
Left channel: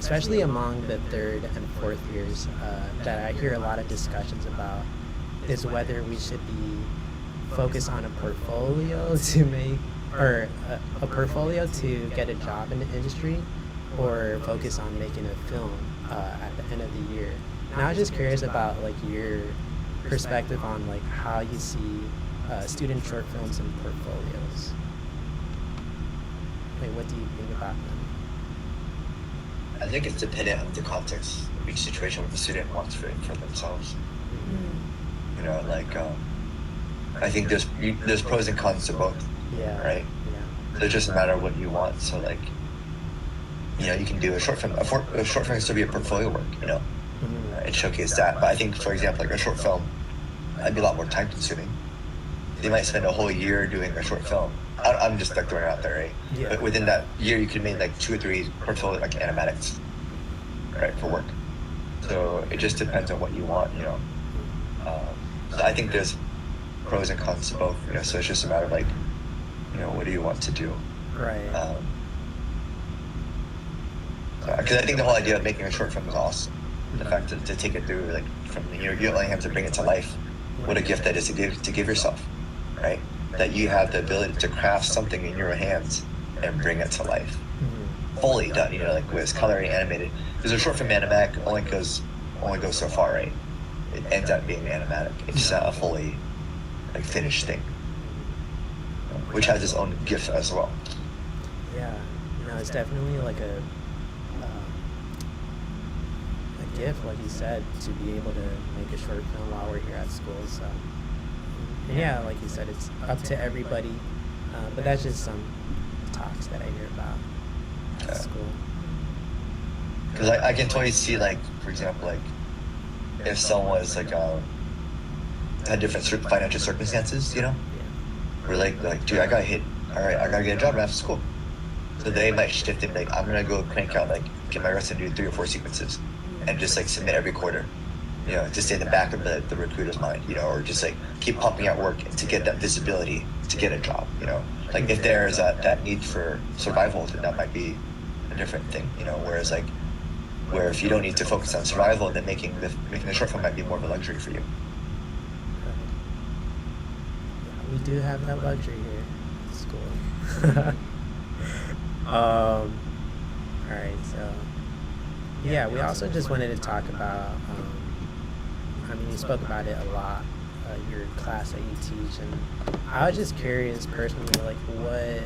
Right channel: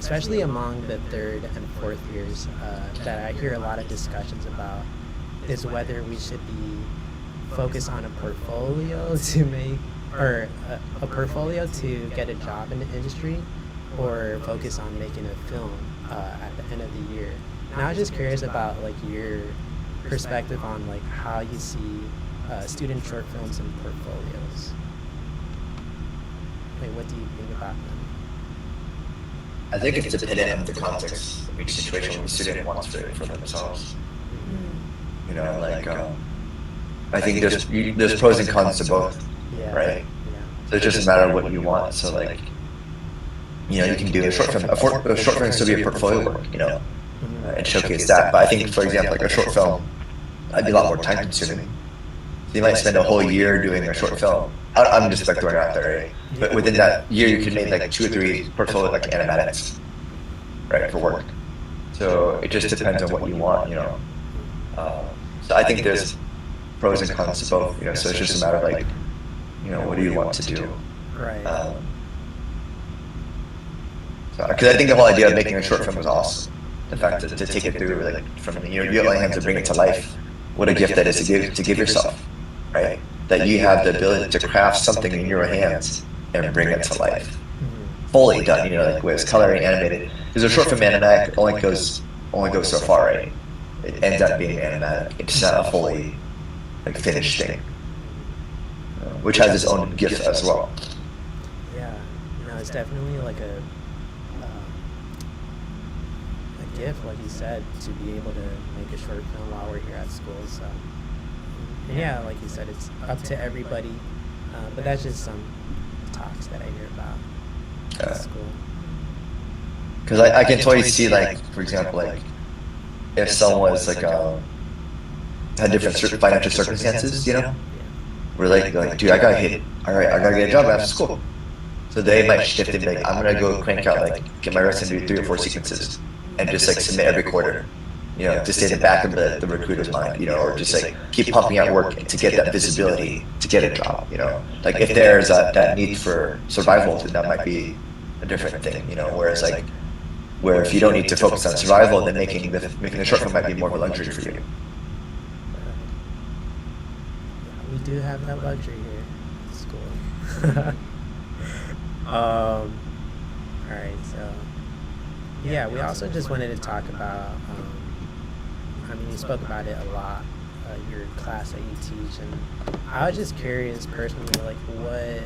especially among the 3rd and 4th years, that I hear a lot of discussions about is whether we should be focused on a portfolio to make, or a portfolio to get a job in the industry, or focus on making a film at the end of the year. And I was just curious about like your perspective on like how you see student short films and portfolios. Like, what do you think about them? I think it's dependent on the context, each situation where the student wants to inform themselves. You know, like, I think there's pros and cons to both, right? Yeah. So it just matter what you want. So like, you know, you can do a short film to be a portfolio work, you know, and showcase that. But I think, for example, like a short film, I'd be a lot more time consuming. You might spend a whole year doing a short film. I'm just like throwing it out there, right? But within that year, you can make like 2 or 3 portfolio like animatics, right, for work. So it just depends on what you want, you know. So I think there's pros and cons to both, you know. So it's just a matter of like, you know, what do you want to do? Right. Because I think the whole idea of making a short film is awesome. In fact, to take it through, like, from you only have to bring it to life. What a gift that is to give yourself, right? That you have the ability to craft something in your hands and bring it to life. Fully done, you know, like with color and animated. Because a short film animatic only goes so far, right? It ends up being animatic. It's not a fully like finished thing, which has its own gift as well. Yeah, no, it's definitely like a gift, like you said, to be able to make a short film while we're here at school. So, and yeah, like you said, it's up to everybody. But that's just some talks that I hear about at school. Because I can totally see, like, for example, like, if someone was like had different financial circumstances, you know, where like dude, I gotta get a job after school. So they might shift and be like, I'm gonna go crank out, like, get my reps and do 3 or 4 sequences, and just like submit every quarter, you know, just in the back of the recruiter's mind, you know, or just like keep pumping out work to get that visibility to get a job, you know. Like if there's that need for survival, then that might be a different thing, you know. Whereas like, where if you don't need to focus on survival, then making a short film might be more luxury for you. We do have that luxury here at school. Alright, so yeah, we also just wanted to talk about, I mean, you spoke about it a lot, your class that you teach, and I was just curious personally, like, what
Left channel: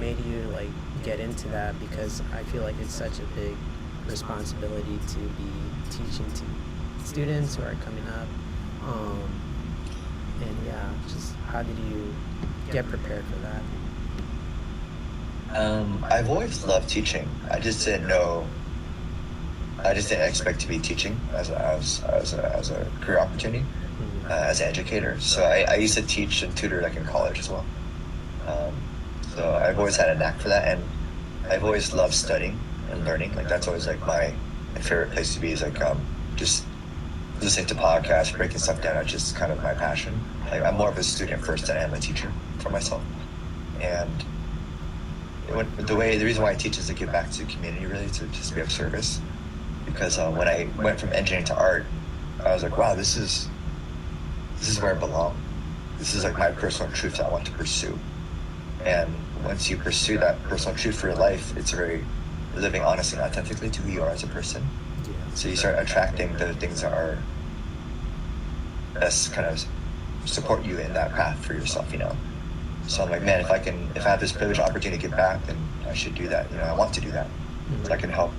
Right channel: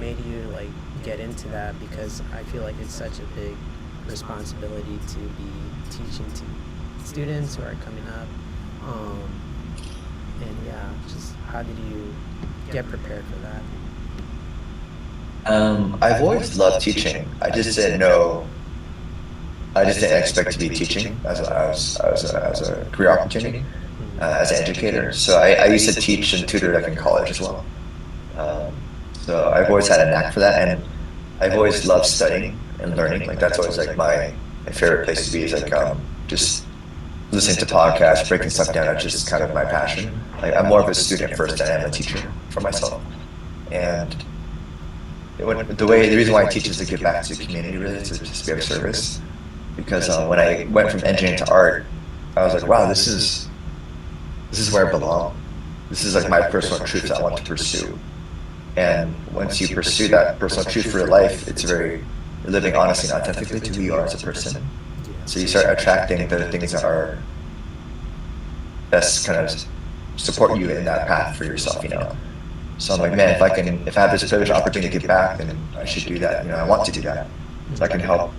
made you, like, get into that, because I feel like it's such a big responsibility to be teaching to students who are coming up, and yeah, just how did you get prepared for that? I've always loved teaching. I just didn't know I just didn't expect to be teaching as a career opportunity, as an educator. So I used to teach and tutor like in college as well. So I've always had a knack for that, and I've always loved studying and learning. Like that's always like my favorite place to be. Is like just listening to podcasts, breaking stuff down. It's just kind of my passion. Like I'm more of a student first and I'm a teacher for myself. And the reason why I teach is to give back to the community, really, to just be of service. Because when I went from engineering to art, I was like, wow, this is where I belong. This is like my personal truth I want to pursue. And once you pursue that personal truth for your life, it's very living honestly and authentically to who you are as a person. So you start attracting the things that are best kind of support you in that path for yourself, you know. So I'm like, man, if I have this privileged opportunity to give back, then I should do that. And I want to do that. If I can help,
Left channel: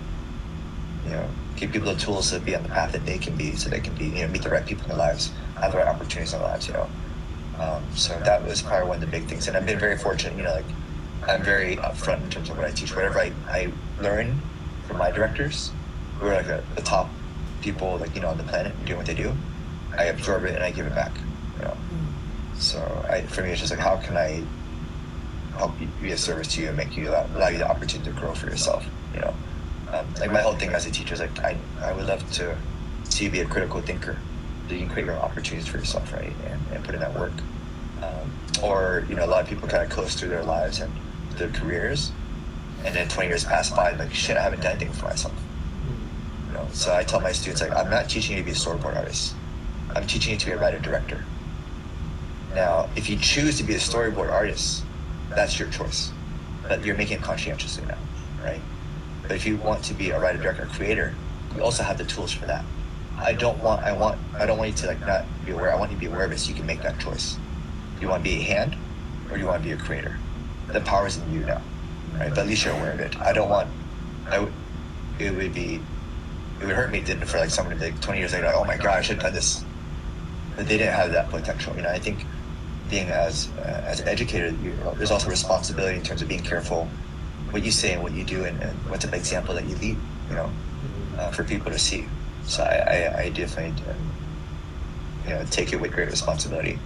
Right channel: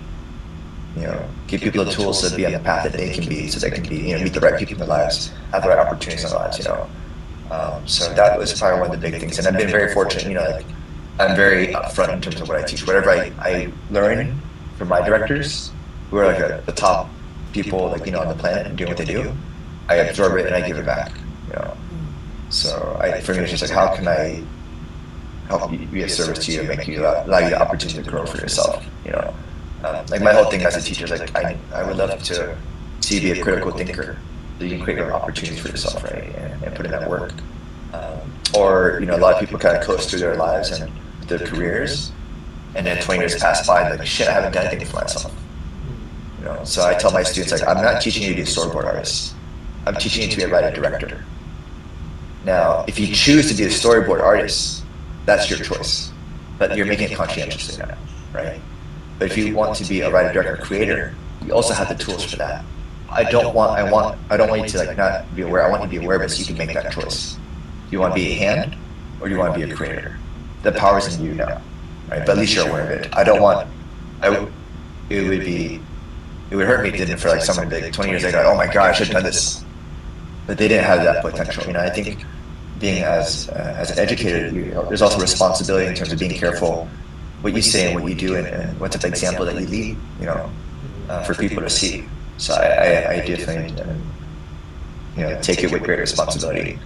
give people the tools to be on the path that they can be, so they can be, meet the right people in their lives, have the right opportunities in their lives, So that was probably one of the big things. And I've been very fortunate, I'm very upfront in terms of what I teach. Whatever I learn from my directors, who are like the top people, on the planet doing what they do, I absorb it and I give back, So for me, it's just how can I help you be of service to you and make you allow you the opportunity to grow for yourself, Like my whole thing as a teacher is like I would love to see you be a critical thinker, so you can create your opportunities for yourself, right, and put in that work. Or a lot of people kind of close to their lives and their careers, and then 20 years pass by, they're like, shit, I haven't done anything for myself. So I tell my students, like, I'm not teaching you to be a storyboard artist. I'm teaching you to be a writer director. Now, if you choose to be a storyboard artist, that's your choice. But you're making a conscientious decision now, right? But if you want to be a writer director creator, you also have the tools for that. I don't want you to like not be aware. I want you to be aware so you can make that choice. Do you want to be a hand, or do you want to be a creator? The power is in you now, right? But at least you're aware of it. It would hurt me for like somebody like 20 years ago, oh my gosh, I should have done this. But they didn't have that potential. And I think being as an educator, there's also a responsibility in terms of being careful what you say and what you do, and what type of example that you lead, for people to see. So I do think, take it with great responsibility,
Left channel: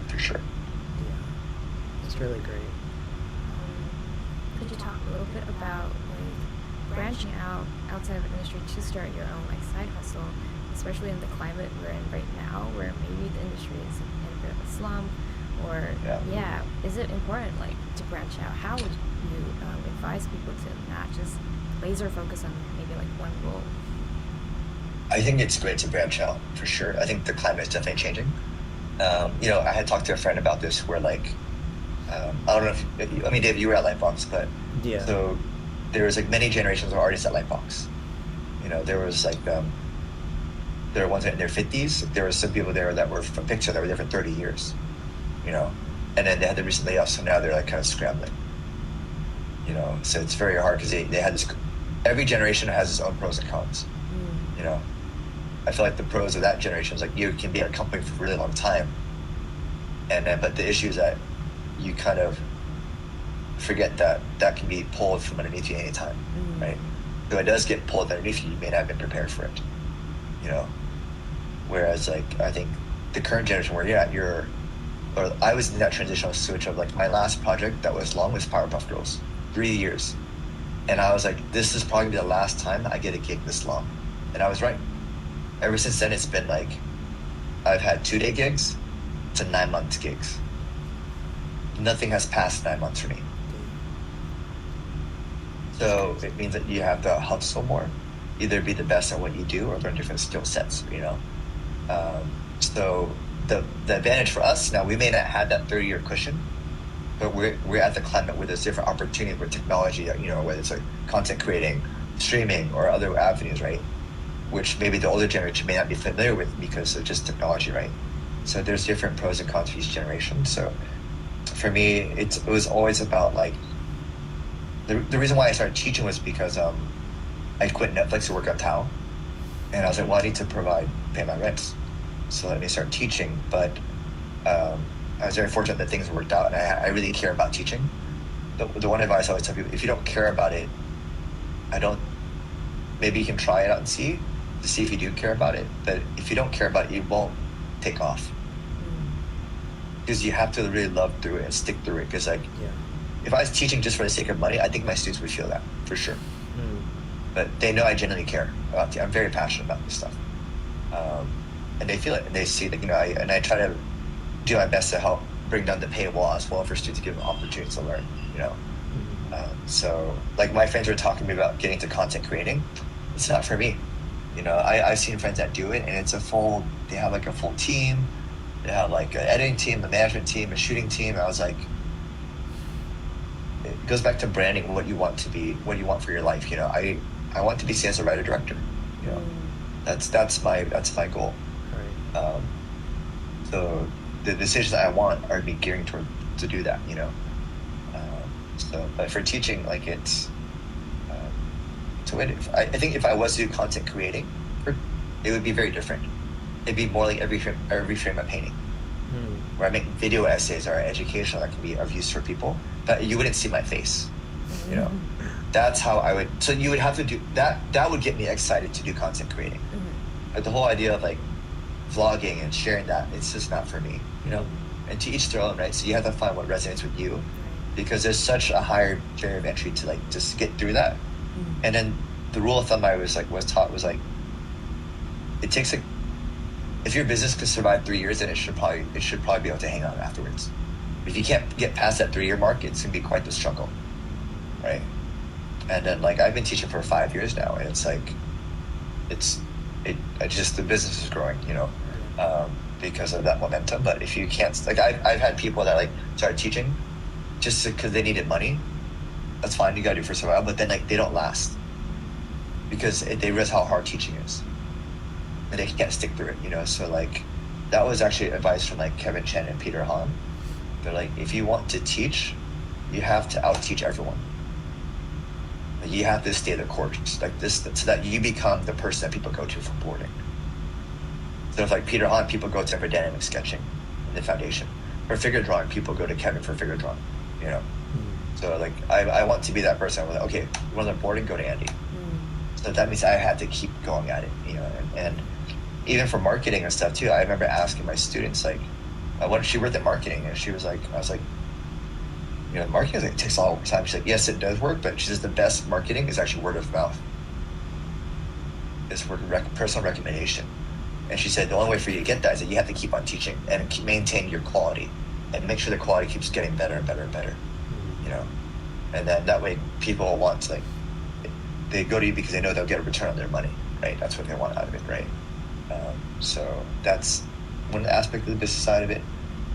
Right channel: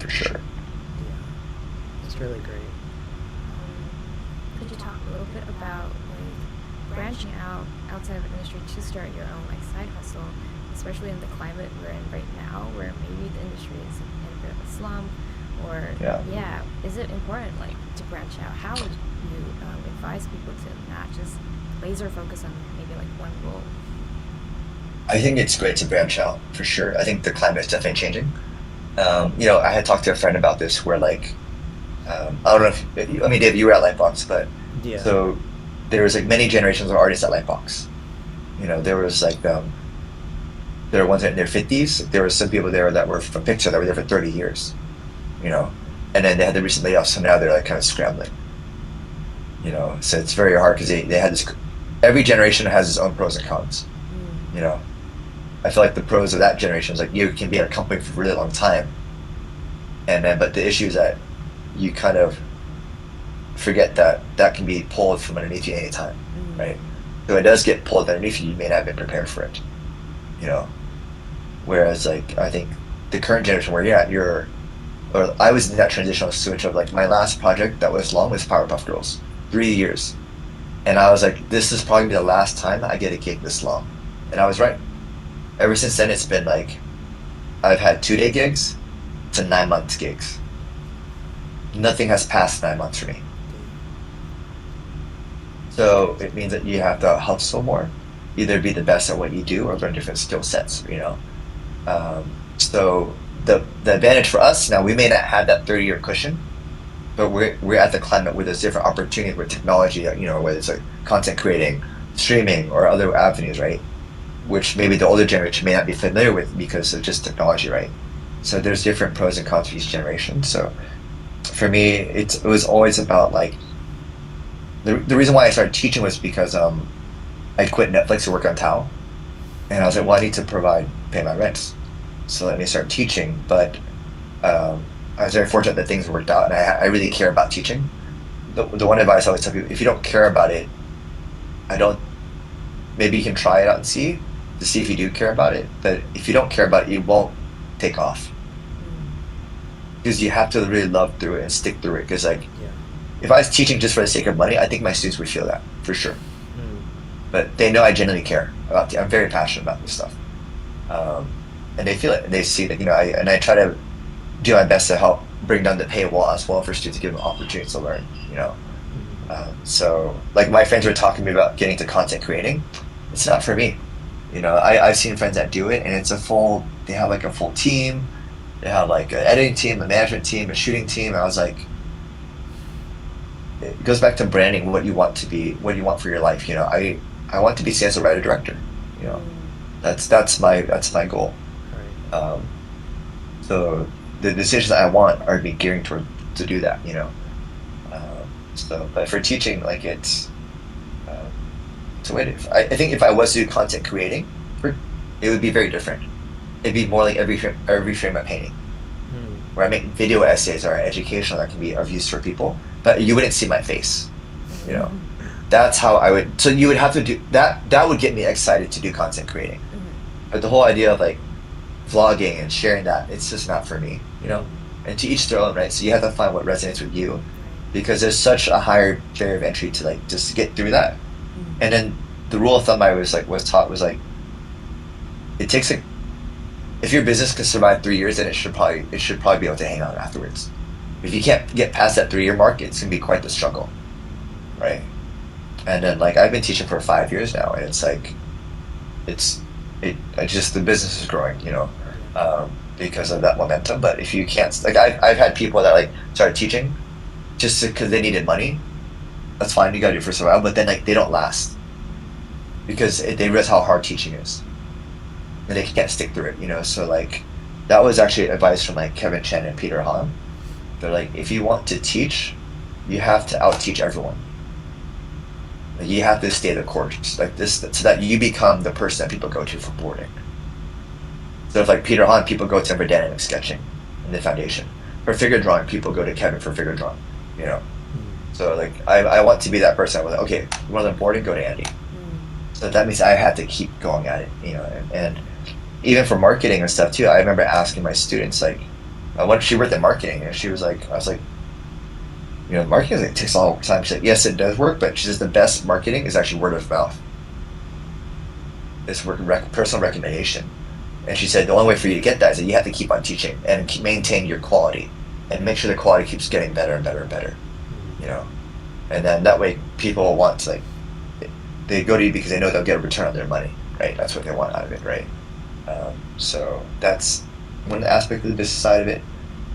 for sure. Yeah, it's really great. Could you talk a little bit about branching out outside of industry to start your own side hustle, especially in the climate we're in right now, where maybe the industry is in a bit of a slump, or is it important to branch out? How would you advise people to not just laser focus on maybe one role? I think it's great to branch out, for sure. I think the climate is definitely changing. I had talked to a friend about this where I don't know if, Dave, you were at Lightbox, but so there was many generations of artists at Lightbox. There was there were ones in their 50s. There were some people there that were from Pixar that were there for 30 years, and then they had the recent layoffs, so now they're kind of scrambling. So it's very hard because they had this. Every generation has its own pros and cons. I feel like the pros of that generation is you can be at a company for a really long time, but the issue is that you kind of forget that can be pulled from underneath you anytime, right? So it does get pulled underneath you, you may not have been prepared for it, Whereas I think the current generation where you're at, I was in that transitional switch of my last project that was long was Powerpuff Girls, 3 years, and I was like, this is probably the last time I get a gig this long, and I was right. Ever since then, it's been I've had 2-day gigs to 9-month gigs. Nothing has passed 9 months for me. So it means that you have to hustle more, either be the best at what you do or learn different skill sets, So the advantage for us now, we may not have that 30-year cushion, but we're at the climate where there's different opportunities where technology, whether it's content creating, streaming, or other avenues, right? Which maybe the older generation may not be familiar with because of just technology, right? So there's different pros and cons for each generation. So for me, it was always about the reason why I started teaching was because I quit Netflix to work on Thao, and I was like, well, I need to pay my rent, so let me start teaching. But I was very fortunate that things worked out, and I really care about teaching. The one advice I always tell people: if you don't care about it, maybe you can try it out and see to see if you do care about it. But if you don't care about it, you won't take off. Because you have to really love through it and stick through it. Because like, if I was teaching just for the sake of money, I think my students would feel that for sure. But they know I genuinely care about it. I'm very passionate about this stuff, and they feel it. And they see that, you know, I try to do my best to help bring down the paywall as well for students to give them opportunities to learn. You know, so like my friends were talking to me about getting to content creating. It's not for me. You know, I've seen friends that do it, and it's they have like a full team. They have like an editing team, a management team, a shooting team. And I was like, it goes back to branding. What you want to be, what you want for your life. You know, I want to be sales writer director. You know, that's my goal. Right. So the decisions that I want are be gearing toward to do that. You know, but for teaching, like it's. I think if I was to do content creating, it would be very different. It'd be more like every frame I'm painting, where I make video essays that are educational that can be of use for people, but you wouldn't see my face. You know, that's how I would. So you would have to do that. That would get me excited to do content creating, but the whole idea of like vlogging and sharing that, it's just not for me. You know, and to each their own, right? So you have to find what resonates with you, because there's such a higher barrier of entry to like just get through that. And then the rule of thumb I was taught was like, it takes if your business can survive 3 years, then it should probably be able to hang out afterwards. If you can't get past that 3-year mark, it's gonna be quite the struggle, right? And then like I've been teaching for 5 years now, and it's like, the business is growing, you know, because of that momentum. But if you can't, like I've had people that like started teaching just because they needed money. That's fine, you gotta do it for survival, but then like they don't last because they realize how hard teaching is, and they can't stick through it, you know. So like that was actually advice from like Kevin Chen and Peter Han. They're like, if you want to teach, you have to out-teach everyone. You have to stay the course like this, so that you become the person that people go to for boarding. So if like Peter Han, people go to him for dynamic sketching in the foundation. For figure drawing, people go to Kevin for figure drawing, you know. So like I want to be that person. I was like, okay, you want to learn boarding, go to Andy. So that means I had to keep going at it, you know. And even for marketing and stuff too, I remember asking my students like, when she worked in marketing, and she was like, I was like, you know, marketing like, takes a long time. She's like, yes, it does work, but she says the best marketing is actually word of mouth. It's personal recommendation. And she said the only way for you to get that is that you have to keep on teaching and maintain your quality, and make sure the quality keeps getting better and better and better. You know, and then that way people want to, like, they go to you because they know they'll get a return on their money, right? That's what they want out of it, right? So that's one aspect of the business side of it.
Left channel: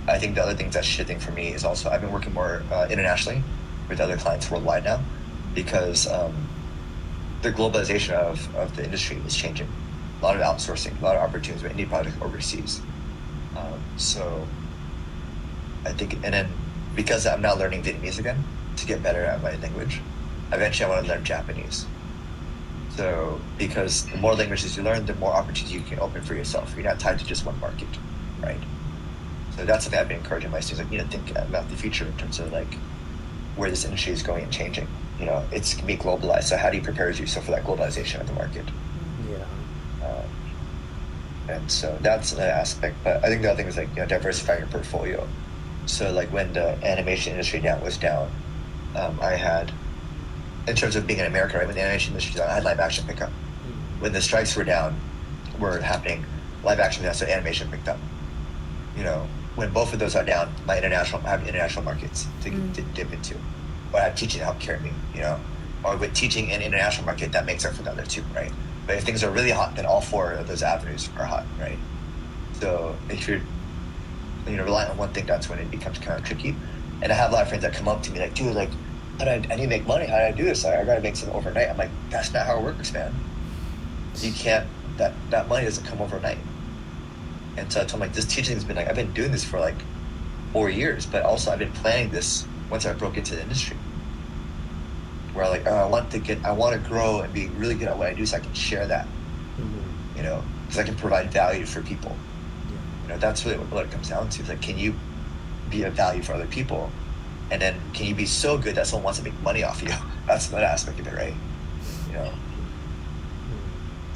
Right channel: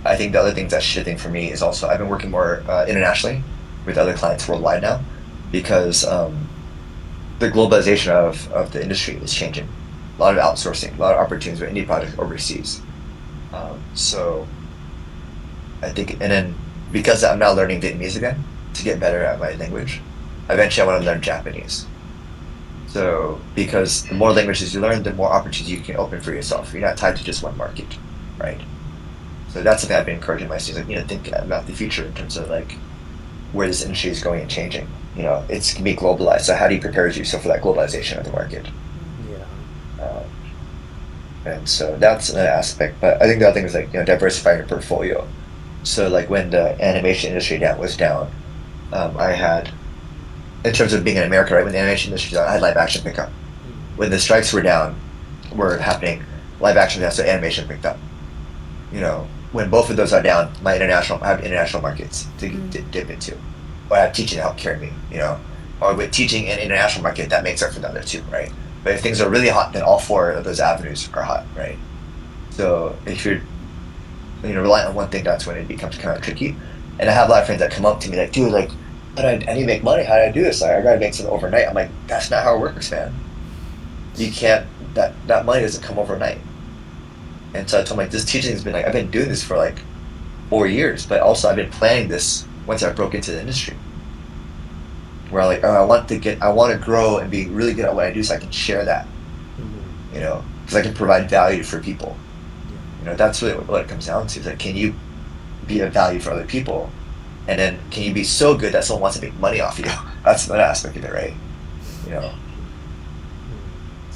I think the other thing that's shifting for me is also I've been working more internationally with other clients worldwide now, because the globalization of the industry is changing. A lot of outsourcing, a lot of opportunities with indie projects overseas. So I think, and then because I'm now learning Vietnamese again to get better at my language, eventually I want to learn Japanese. So because the more languages you learn, the more opportunities you can open for yourself. You're not tied to just one market, right? So that's something I've been encouraging my students, like, you know, thinking about the future in terms of like where this industry is going and changing. You know, it's going to be globalized. So how do you prepare yourself for that globalization of the market? And so that's an aspect. But I think the other thing is like, you know, diversifying your portfolio. So like when the animation industry was down, I had, in terms of being in America, right, when the animation industry was down, I had live action pick up. When the strikes were happening, live action down, so animation picked up. You know, when both of those are down, I have international markets to dip into. Or I have teaching to help carry me, you know. Or with teaching and international market, that makes up for the other two, right? But if things are really hot, then all 4 of those avenues are hot, right? So if you're relying on one thing, that's when it becomes kind of tricky. And I have a lot of friends that come up to me like, dude, like, I need to make money. How do I do this? I gotta make something overnight. I'm like, that's not how it works, man. You can't. That money doesn't come overnight. And so I told him, like, this teaching has been like, I've been doing this for like 4 years, but also I've been planning this once I broke into the industry. Where like, I want to grow and be really good at what I do, so I can share that. You know, because I can provide value for people. You know, that's what it comes down to. Like, can you be a value for other people, and then can you be so good that someone wants to make money off you? That's the aspect of it, right? You know,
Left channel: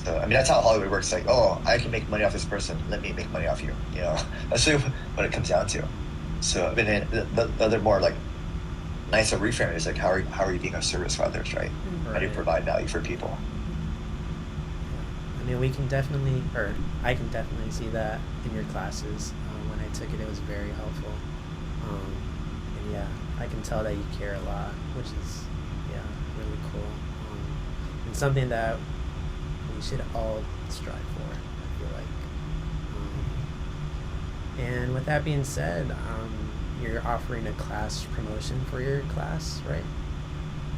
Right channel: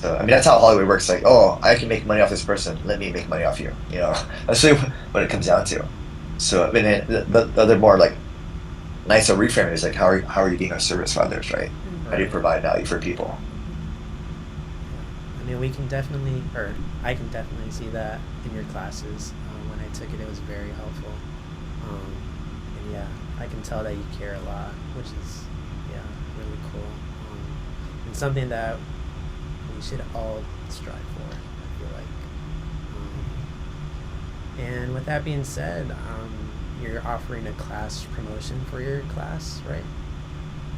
So I mean, that's how Hollywood works. Like, oh, I can make money off this person. Let me make money off you. You know, that's really what it comes down to. So I mean, the other more like nicer reframe is like, how are you being a service for others, right? How do you provide value for people? I mean, we can definitely, or I can definitely see that in your classes. When I took it, it was very helpful. And yeah, I can tell that you care a lot, which is, yeah, really cool. And something that we should all strive for, I feel like. And with that being said, you're offering a class promotion for your class, right?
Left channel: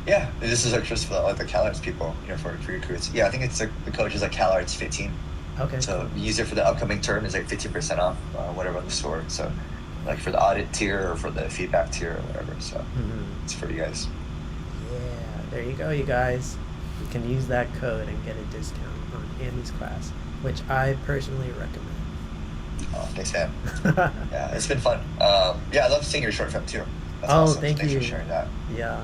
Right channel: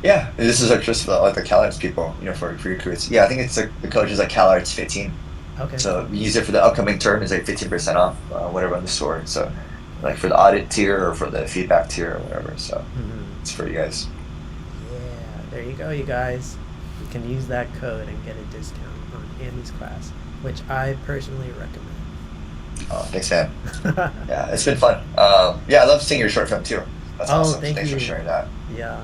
Yeah, this is like just for like the CalArts people, you know, for recruits. Yeah, I think it's like the code is like CalArts 15. Okay. So you use it for the upcoming term is like 15% off whatever on the store. So like for the audit tier or for the feedback tier or whatever. So it's for you guys. Yeah, there you go, you guys. You can use that code and get a discount on Andy's class, which I personally recommend. Oh, thanks, man. Yeah, it's been fun. Yeah, I love seeing your short film too. That's awesome. Thanks Thanks you for sharing that. Yeah.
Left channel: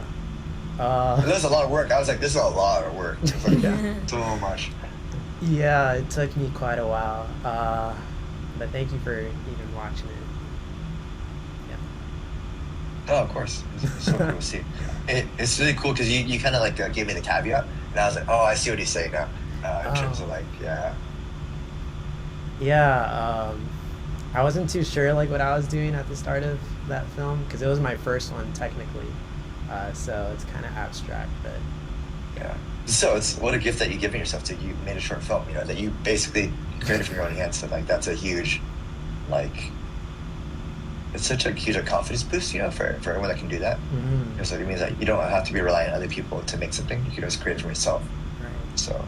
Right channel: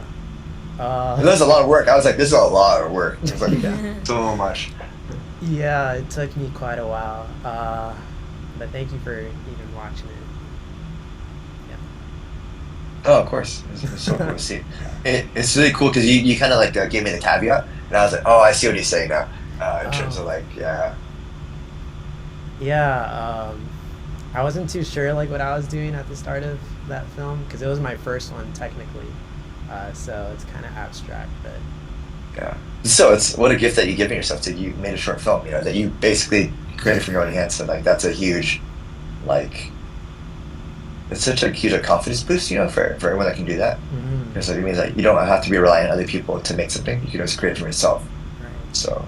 It was a lot of work. I was like, this is a lot of work. It was like, so much. Yeah, it took me quite a while. But thank you for even watching it. Yeah. Oh, of course. It's so cool to see. It's really cool because you kind of like gave me the caveat, and I was like, oh, I see what he's saying now. In terms of like, yeah. Yeah, I wasn't too sure like what I was doing at the start of that film because it was my first one technically. So it's kind of abstract, but yeah. So it's what a gift that you give yourself that you made a short film, you know, that you basically created from your own hands. And like that's a huge, like, it's such a huge confidence boost, you know, for everyone that can do that. Because it means like you don't have to be relying on other people to make something. You can just create it for yourself. Right. So,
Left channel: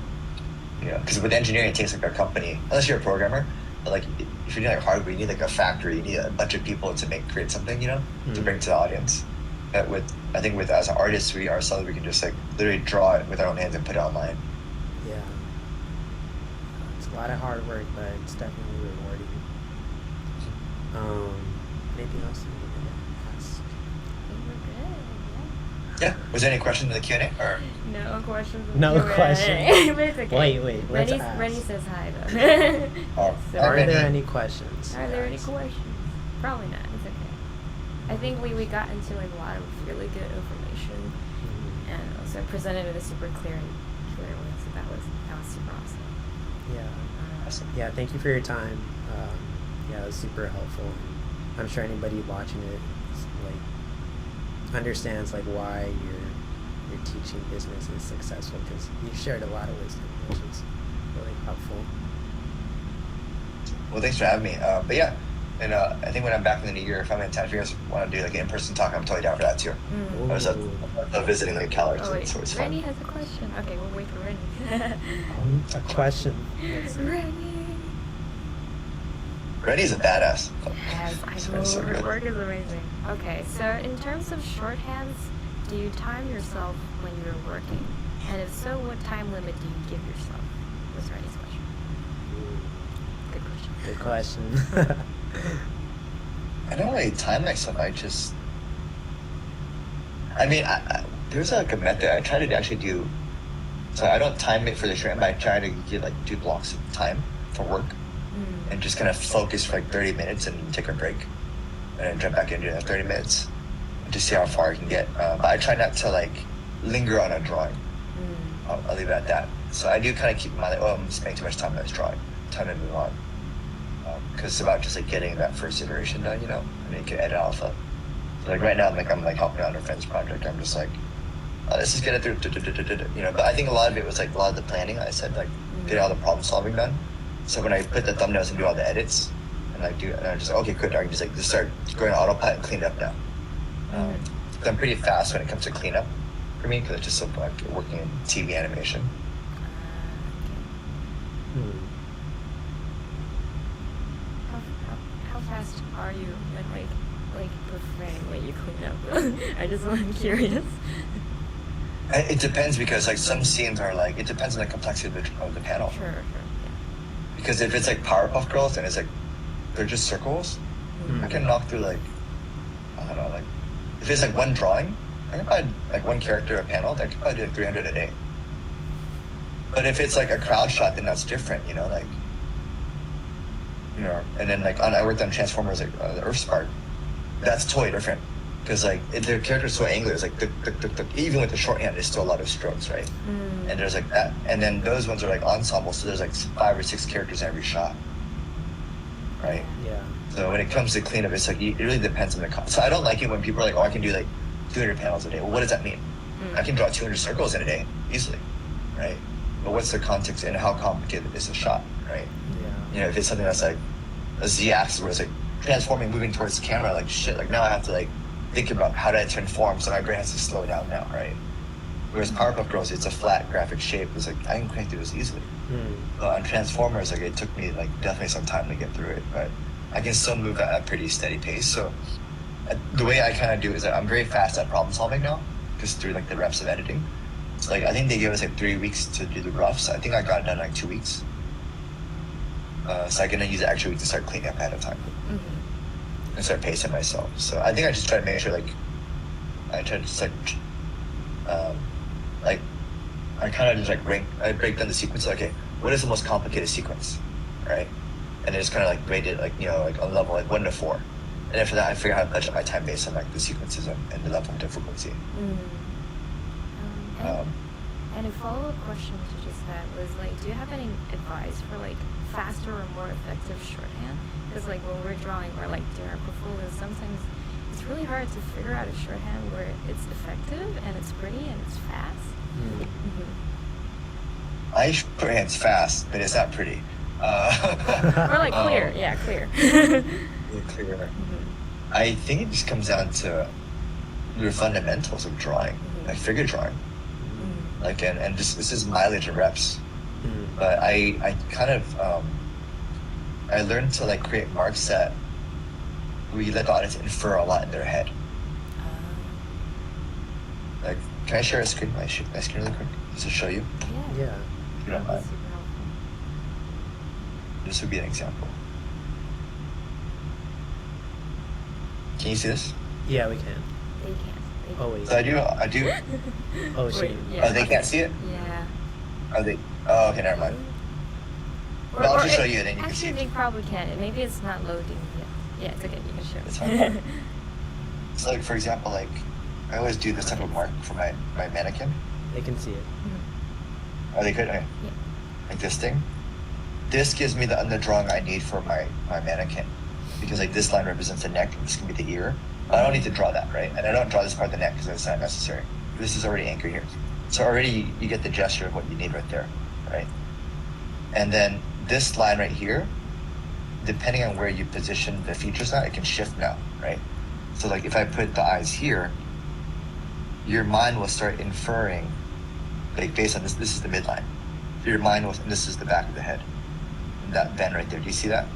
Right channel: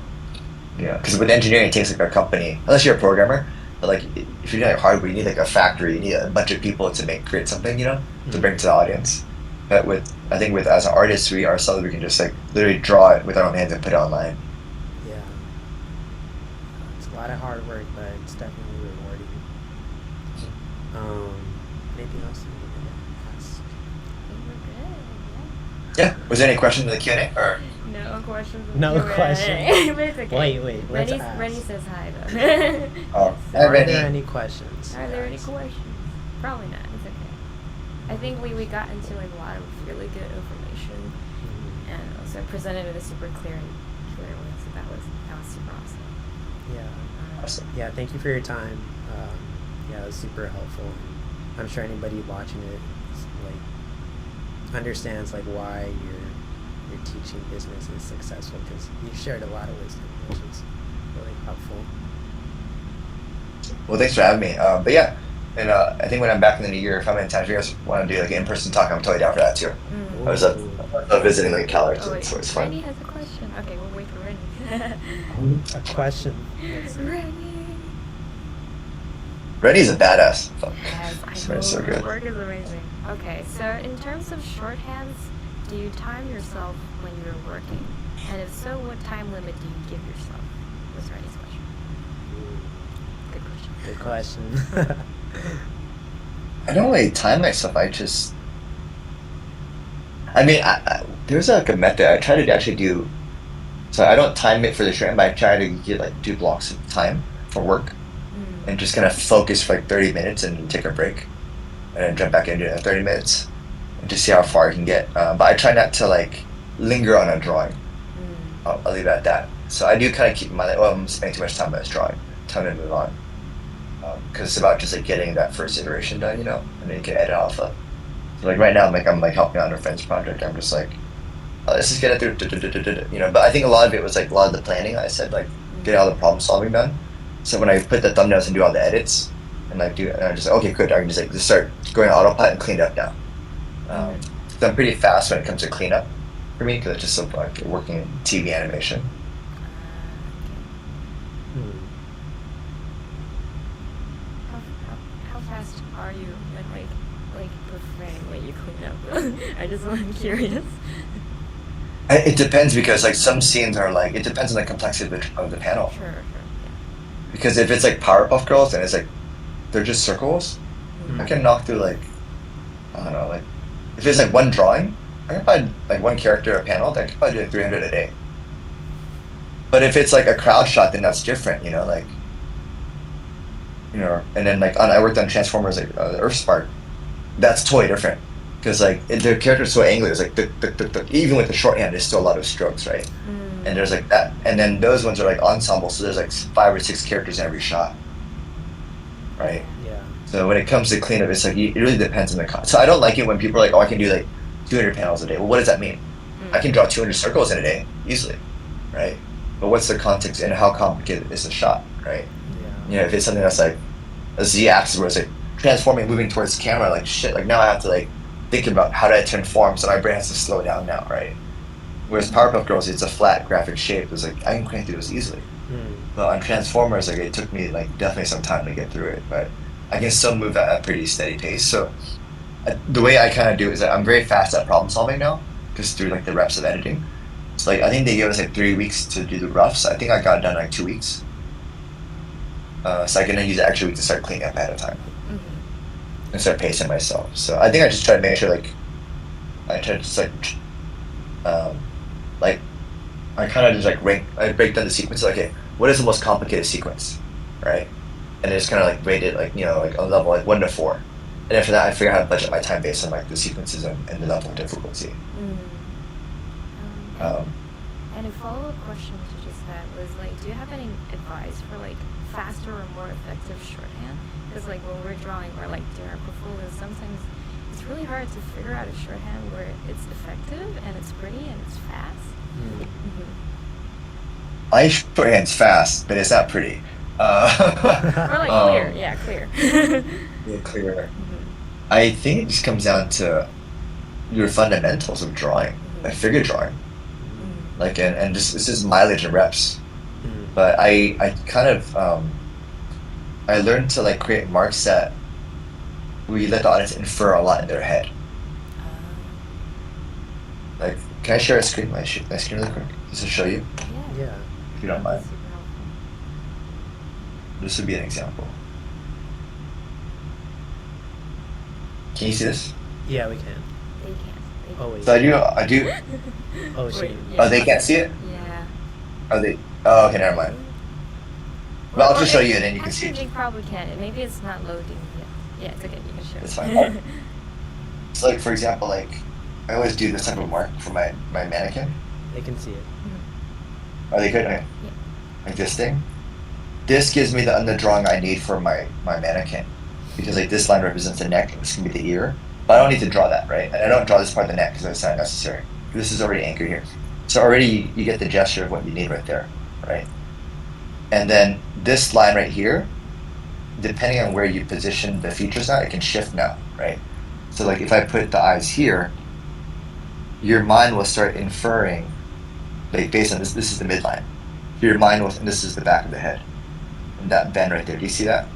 yeah, because with engineering, it takes like a company, unless you're a programmer. But like if you're doing like hardware, you need like a factory, you need a bunch of people to create something, you know, to bring to the audience. But I think as an artist, we can just like literally draw it with our own hands and put it online. Yeah. It's a lot of hard work, but it's definitely rewarding. Anything else you need to ask? I think we're good. Yeah. Was there any questions in the Q&A? Or? No questions. No questions. But it's okay. Wait. Let's ask. Rennie says hi though. Oh, So- Are there any questions? Are there any guys? questions? Probably not. It's okay. I think we got into like a lot of really good information, and also presented it in a super clear way. So that was super awesome. Yeah. Awesome. Yeah, thank you for your time. Yeah, it was super helpful. I'm sure anybody watching it like understands like why your teaching business is successful because you shared a lot of wisdom, which is really helpful. Well, thanks for having me. But yeah, and I think when I'm back in the new year, if I'm in town, if you guys want to do like an in-person talk, I'm totally down for that too. I was visiting like CalArts, Oh, wait. so it's fun. Rennie has a question. Okay, we'll wait for Rennie. A question. Rennie. Rennie's a badass. Yes, I So know. it's so Your good. work is amazing. Okay, so in terms of shorthands, do you time yourself when you're working? And if so, what time limit do you give yourself? Was Rennie's question. Good question. Good question. I don't really time myself. I mean, there's like a method. I try to actually do. So I don't time it for the show, but I try to get like 2 blocks of time for work, and just kind of focus for like 30 minutes and take a break, and then jump back into it in 30 minutes, and just see how far I can get. But I try not to like linger on a drawing. I'll leave it at that. So I do kind of keep I'm spending too much time on this drawing. Time to move on. Because it's about just like getting that first iteration done, you know, and then you can edit off of. So like right now, I'm like helping out on a friend's project. I'm just like, this is gonna do, you know. But I think a lot of it was like a lot of the planning. I said like get all the problem solving done. So when I put the thumbnails and do all the edits, and I do, and I'm just like, okay, good. I can just start going autopilot and clean it up now. So I'm pretty fast when it comes to cleanup for me because it's just so fun working in TV animation. How fast are you when like per frame when you clean up? I'm curious. It depends because like some scenes are like it depends on the complexity of the panel. Sure. Because if it's like Powerpuff Girls and it's like they're just circles, I can knock through like I don't know, like if it's like one drawing, I can find like one character a panel, then I can probably do 300 a day. But if it's like a crowd shot, then that's different, you know, like, you know, and then like I worked on Transformers, like Earthspark, that's totally different. Because like the character's so angular, it's like even with the shorthand, there's still a lot of strokes, right? And there's like that, and then those ones are like ensembles, so there's like 5 or 6 characters in every shot, right? Yeah. So when it comes to cleanup, it's like it really depends on the So I don't like it when people are like, oh, I can do like 200 panels a day. Well, what does that mean? I can draw 200 circles in a day easily, right? But what's the context and how complicated is the shot, right? Yeah. You know, if it's something that's like a Z-axis where it's like transforming, moving towards the camera, like shit, like now I have to like think about how do I turn form, so my brain has to slow down now, right? Whereas Powerpuff Girls, it's a flat graphic shape. It's like I can crank through this easily. But on Transformers, like it took me like definitely some time to get through it, but I can still move at a pretty steady pace. So the way I kind of do it is that I'm very fast at problem solving now, just through like the reps of editing. So like I think they gave us like 3 weeks to do the roughs. I think I got it done in like 2 weeks. So I can use the extra week to start cleaning up ahead of time and start pacing myself. So I think I just try to make sure like I try to just like I kind of just like I break down the sequence. Like, okay, what is the most complicated sequence, right? And I just kind of like rate it like, you know, like on level like 1 to 4. And after that, I figure out how to budget my time based on like the sequences and the level of difficulty. And a follow-up question to just that was like, do you have any advice for like faster or more effective shorthand? Because like when we're drawing or like doing our portfolios, sometimes it's really hard to figure out a shorthand where it's effective and it's pretty and it's fast. My shorthand's fast, but it's not pretty. Or like clear, yeah, clear. Yeah, clear. I think it just comes down to your fundamentals of drawing, and figure drawing. Like, and just this is mileage and reps. But I kind of I learned to like create marks that we let the audience infer a lot in their head. Like, can I share a screen? My screen really quick, just to show you, Yeah. if you don't mind. Super helpful. This would be an example. Can you see this? Yeah, we can. They can't. They Oh, wait. So I do. Oh, shoot. Wait, Oh, they can't see it. Yeah. Are they? Oh, okay, never mind. Well, I'll just show you and then you can see Actually, it. they probably can. Maybe it's not loading yet. Yeah, it's okay. You can show It's it. fine. So like, for example, like I always do this type of mark for my mannequin. They can see it. Are they good? Right? Yeah. Like this thing. This gives me the underdrawing I need for my mannequin. Because like this line represents the neck, this can be the ear. But I don't need to draw that, right? And I don't draw this part of the neck because it's not necessary. This is already anchored here. So already you get the gesture of what you need right there, right? And then this line right here, depending on where you position the features on, it can shift now, right? So like if I put the eyes here, your mind will start inferring, like based on this is the midline. Your mind will, and this is the back of the head. And that bend right there, do you see that?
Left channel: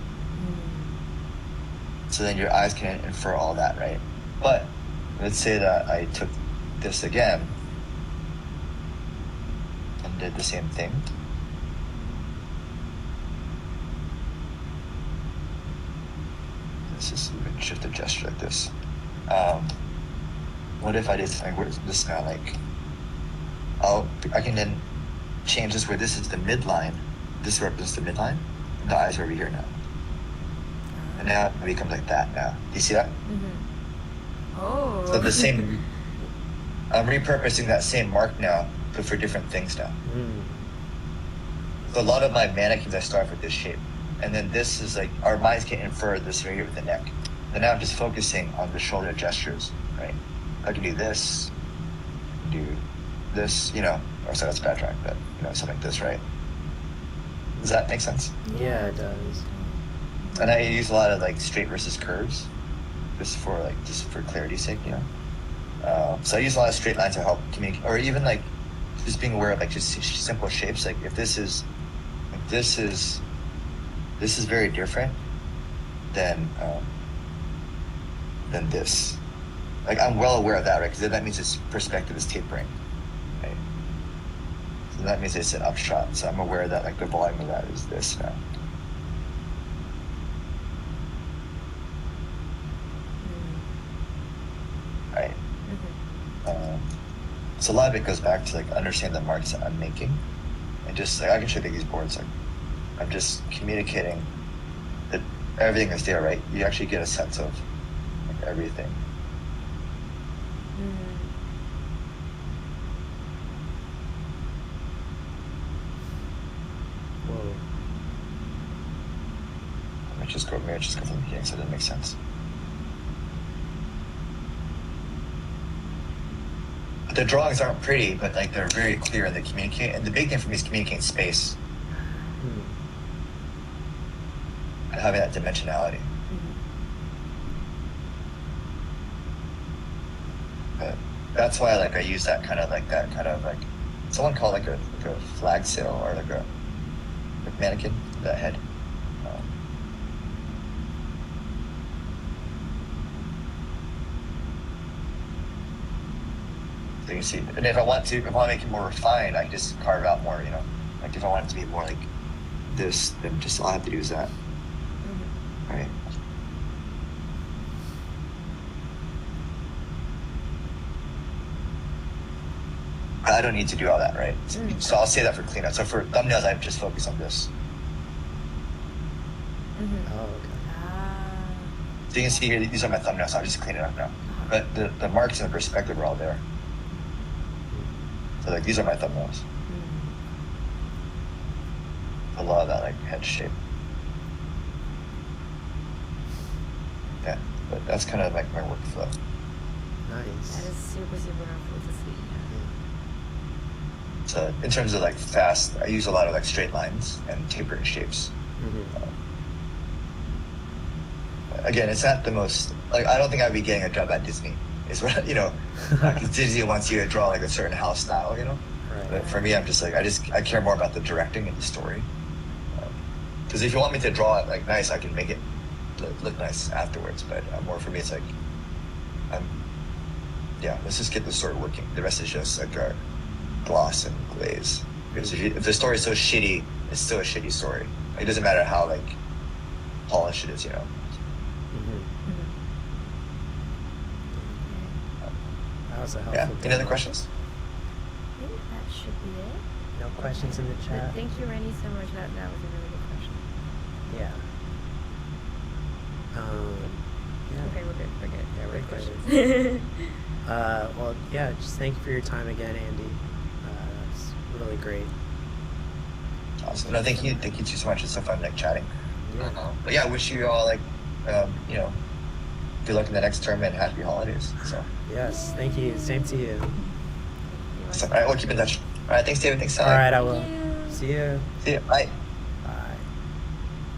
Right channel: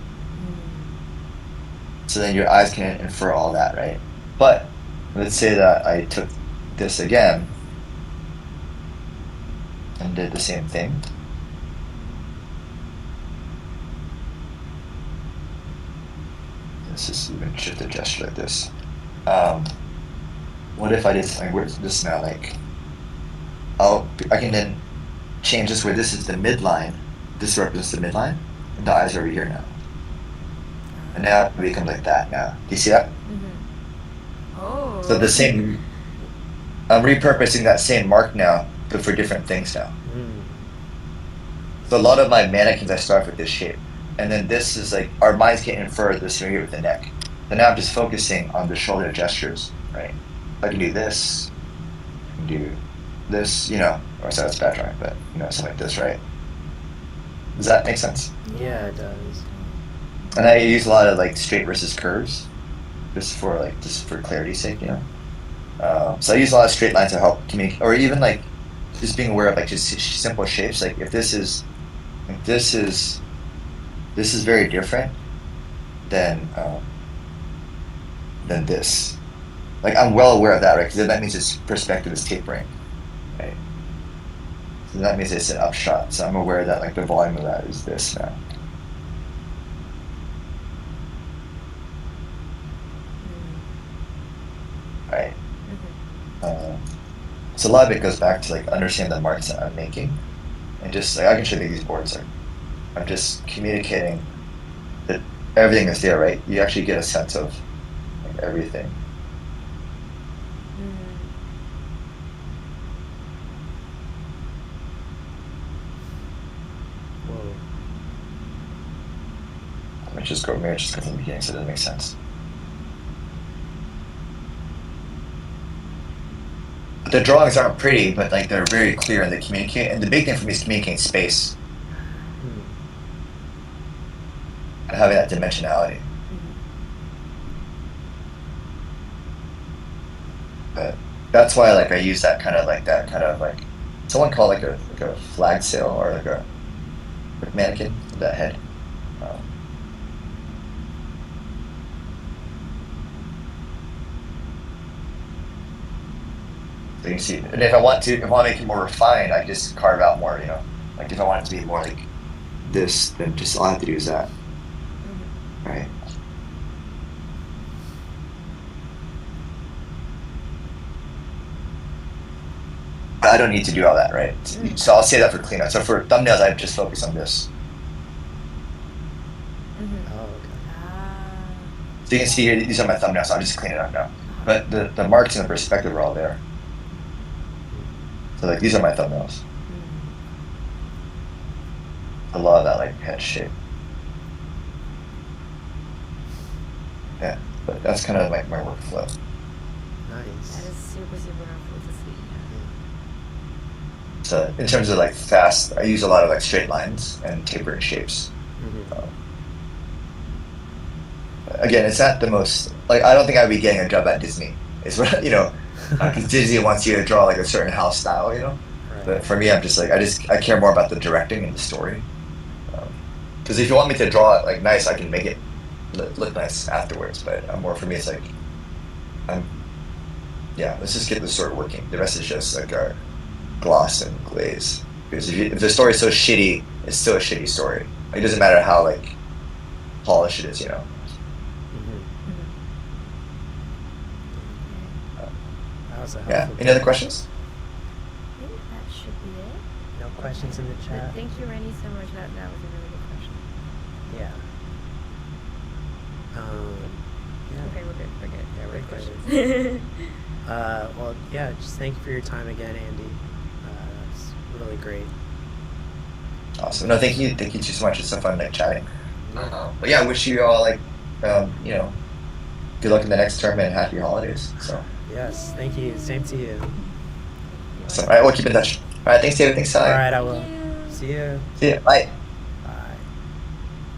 So then your eyes can infer all that, right? But let's say that I took this again and did the same thing. This is shift the gesture like this. What if I did something weird this now? Like, I can then change this where this is the midline. This represents the midline. And the eyes are over here now. And now it becomes like that now. Do you see that? Oh. So the same, I'm repurposing that same mark now, but for different things now. So a lot of my mannequins I start with this shape. And then this is like, our minds can infer this here with the neck. And now I'm just focusing on the shoulder gestures, right? I can do this, do this, you know, or so that's bad, right? But, you know, something like this, right? Does that make sense? Yeah, it does. And I use a lot of like straight versus curves, just for clarity's sake, you know. So I use a lot of straight lines to help communicate, or even like just being aware of like just simple shapes. Like if this is very different than this. Like I'm well aware of that, right? Because that means its perspective is tapering, right? So that means it's an upshot. So I'm aware that like the volume of that is this now. Right. So a lot of it goes back to like understanding the marks that I'm making, And just like I can show you these boards. Like, I'm just communicating that everything is there, right? You actually get a sense of everything. Whoa. Let me just go maybe just because the beginning so that makes sense. The drawings aren't pretty, but like they're very clear and they communicate. And the big thing for me is communicating space and having that dimensionality. But that's why like I use that kind of like someone called like a flag sail or like a mannequin, that head. So you can see, and if I want to make it more refined, I can just carve out more, like if I want it to be more like this, then just I'll have to use that. Right. I don't need to do all that, right? So I'll say that for cleanup. So for thumbnails, I just focus on this. Oh, okay. So you can see here, these are my thumbnails, so I'll just clean it up now. But the marks and the perspective are all there. So like these are my thumbnails. A lot of that like head shape. Yeah, but that's kind of like my workflow. Nice. That is super, super helpful to see. So in terms of like fast, I use a lot of like straight lines and tapered shapes. Again, it's not the most, like I don't think I'd be getting a job at Disney. It's what, Disney wants you to draw like a certain house style, Right. But for me, I'm just like, I care more about the directing and the story. Because if you want me to draw it like nice, I can make it look nice afterwards. But more for me, it's like, let's just get the story working. The rest is just like our gloss and glaze. Because if the story is so shitty, it's still a shitty story. Like, it doesn't matter how like polished it is, That was a Yeah. helpful Any other questions? I think that should be it. No questions in the But chat? thank you, Randy, so much. That was a really good question. Yeah. Okay, we're good. We're good. Yeah, we're Great good. questions. Well, yeah, just thank you for your time again, Andy. That's really great. Awesome. No, thank you. Thank you so much. It's so fun chatting. But yeah, I wish you all like, good luck in the next term and happy holidays. So. Yes, thank you. Same to you. So, all right, we'll keep in touch. All right, thanks, David. Thanks, All right, I Thank will. you. See you. See ya. Bye.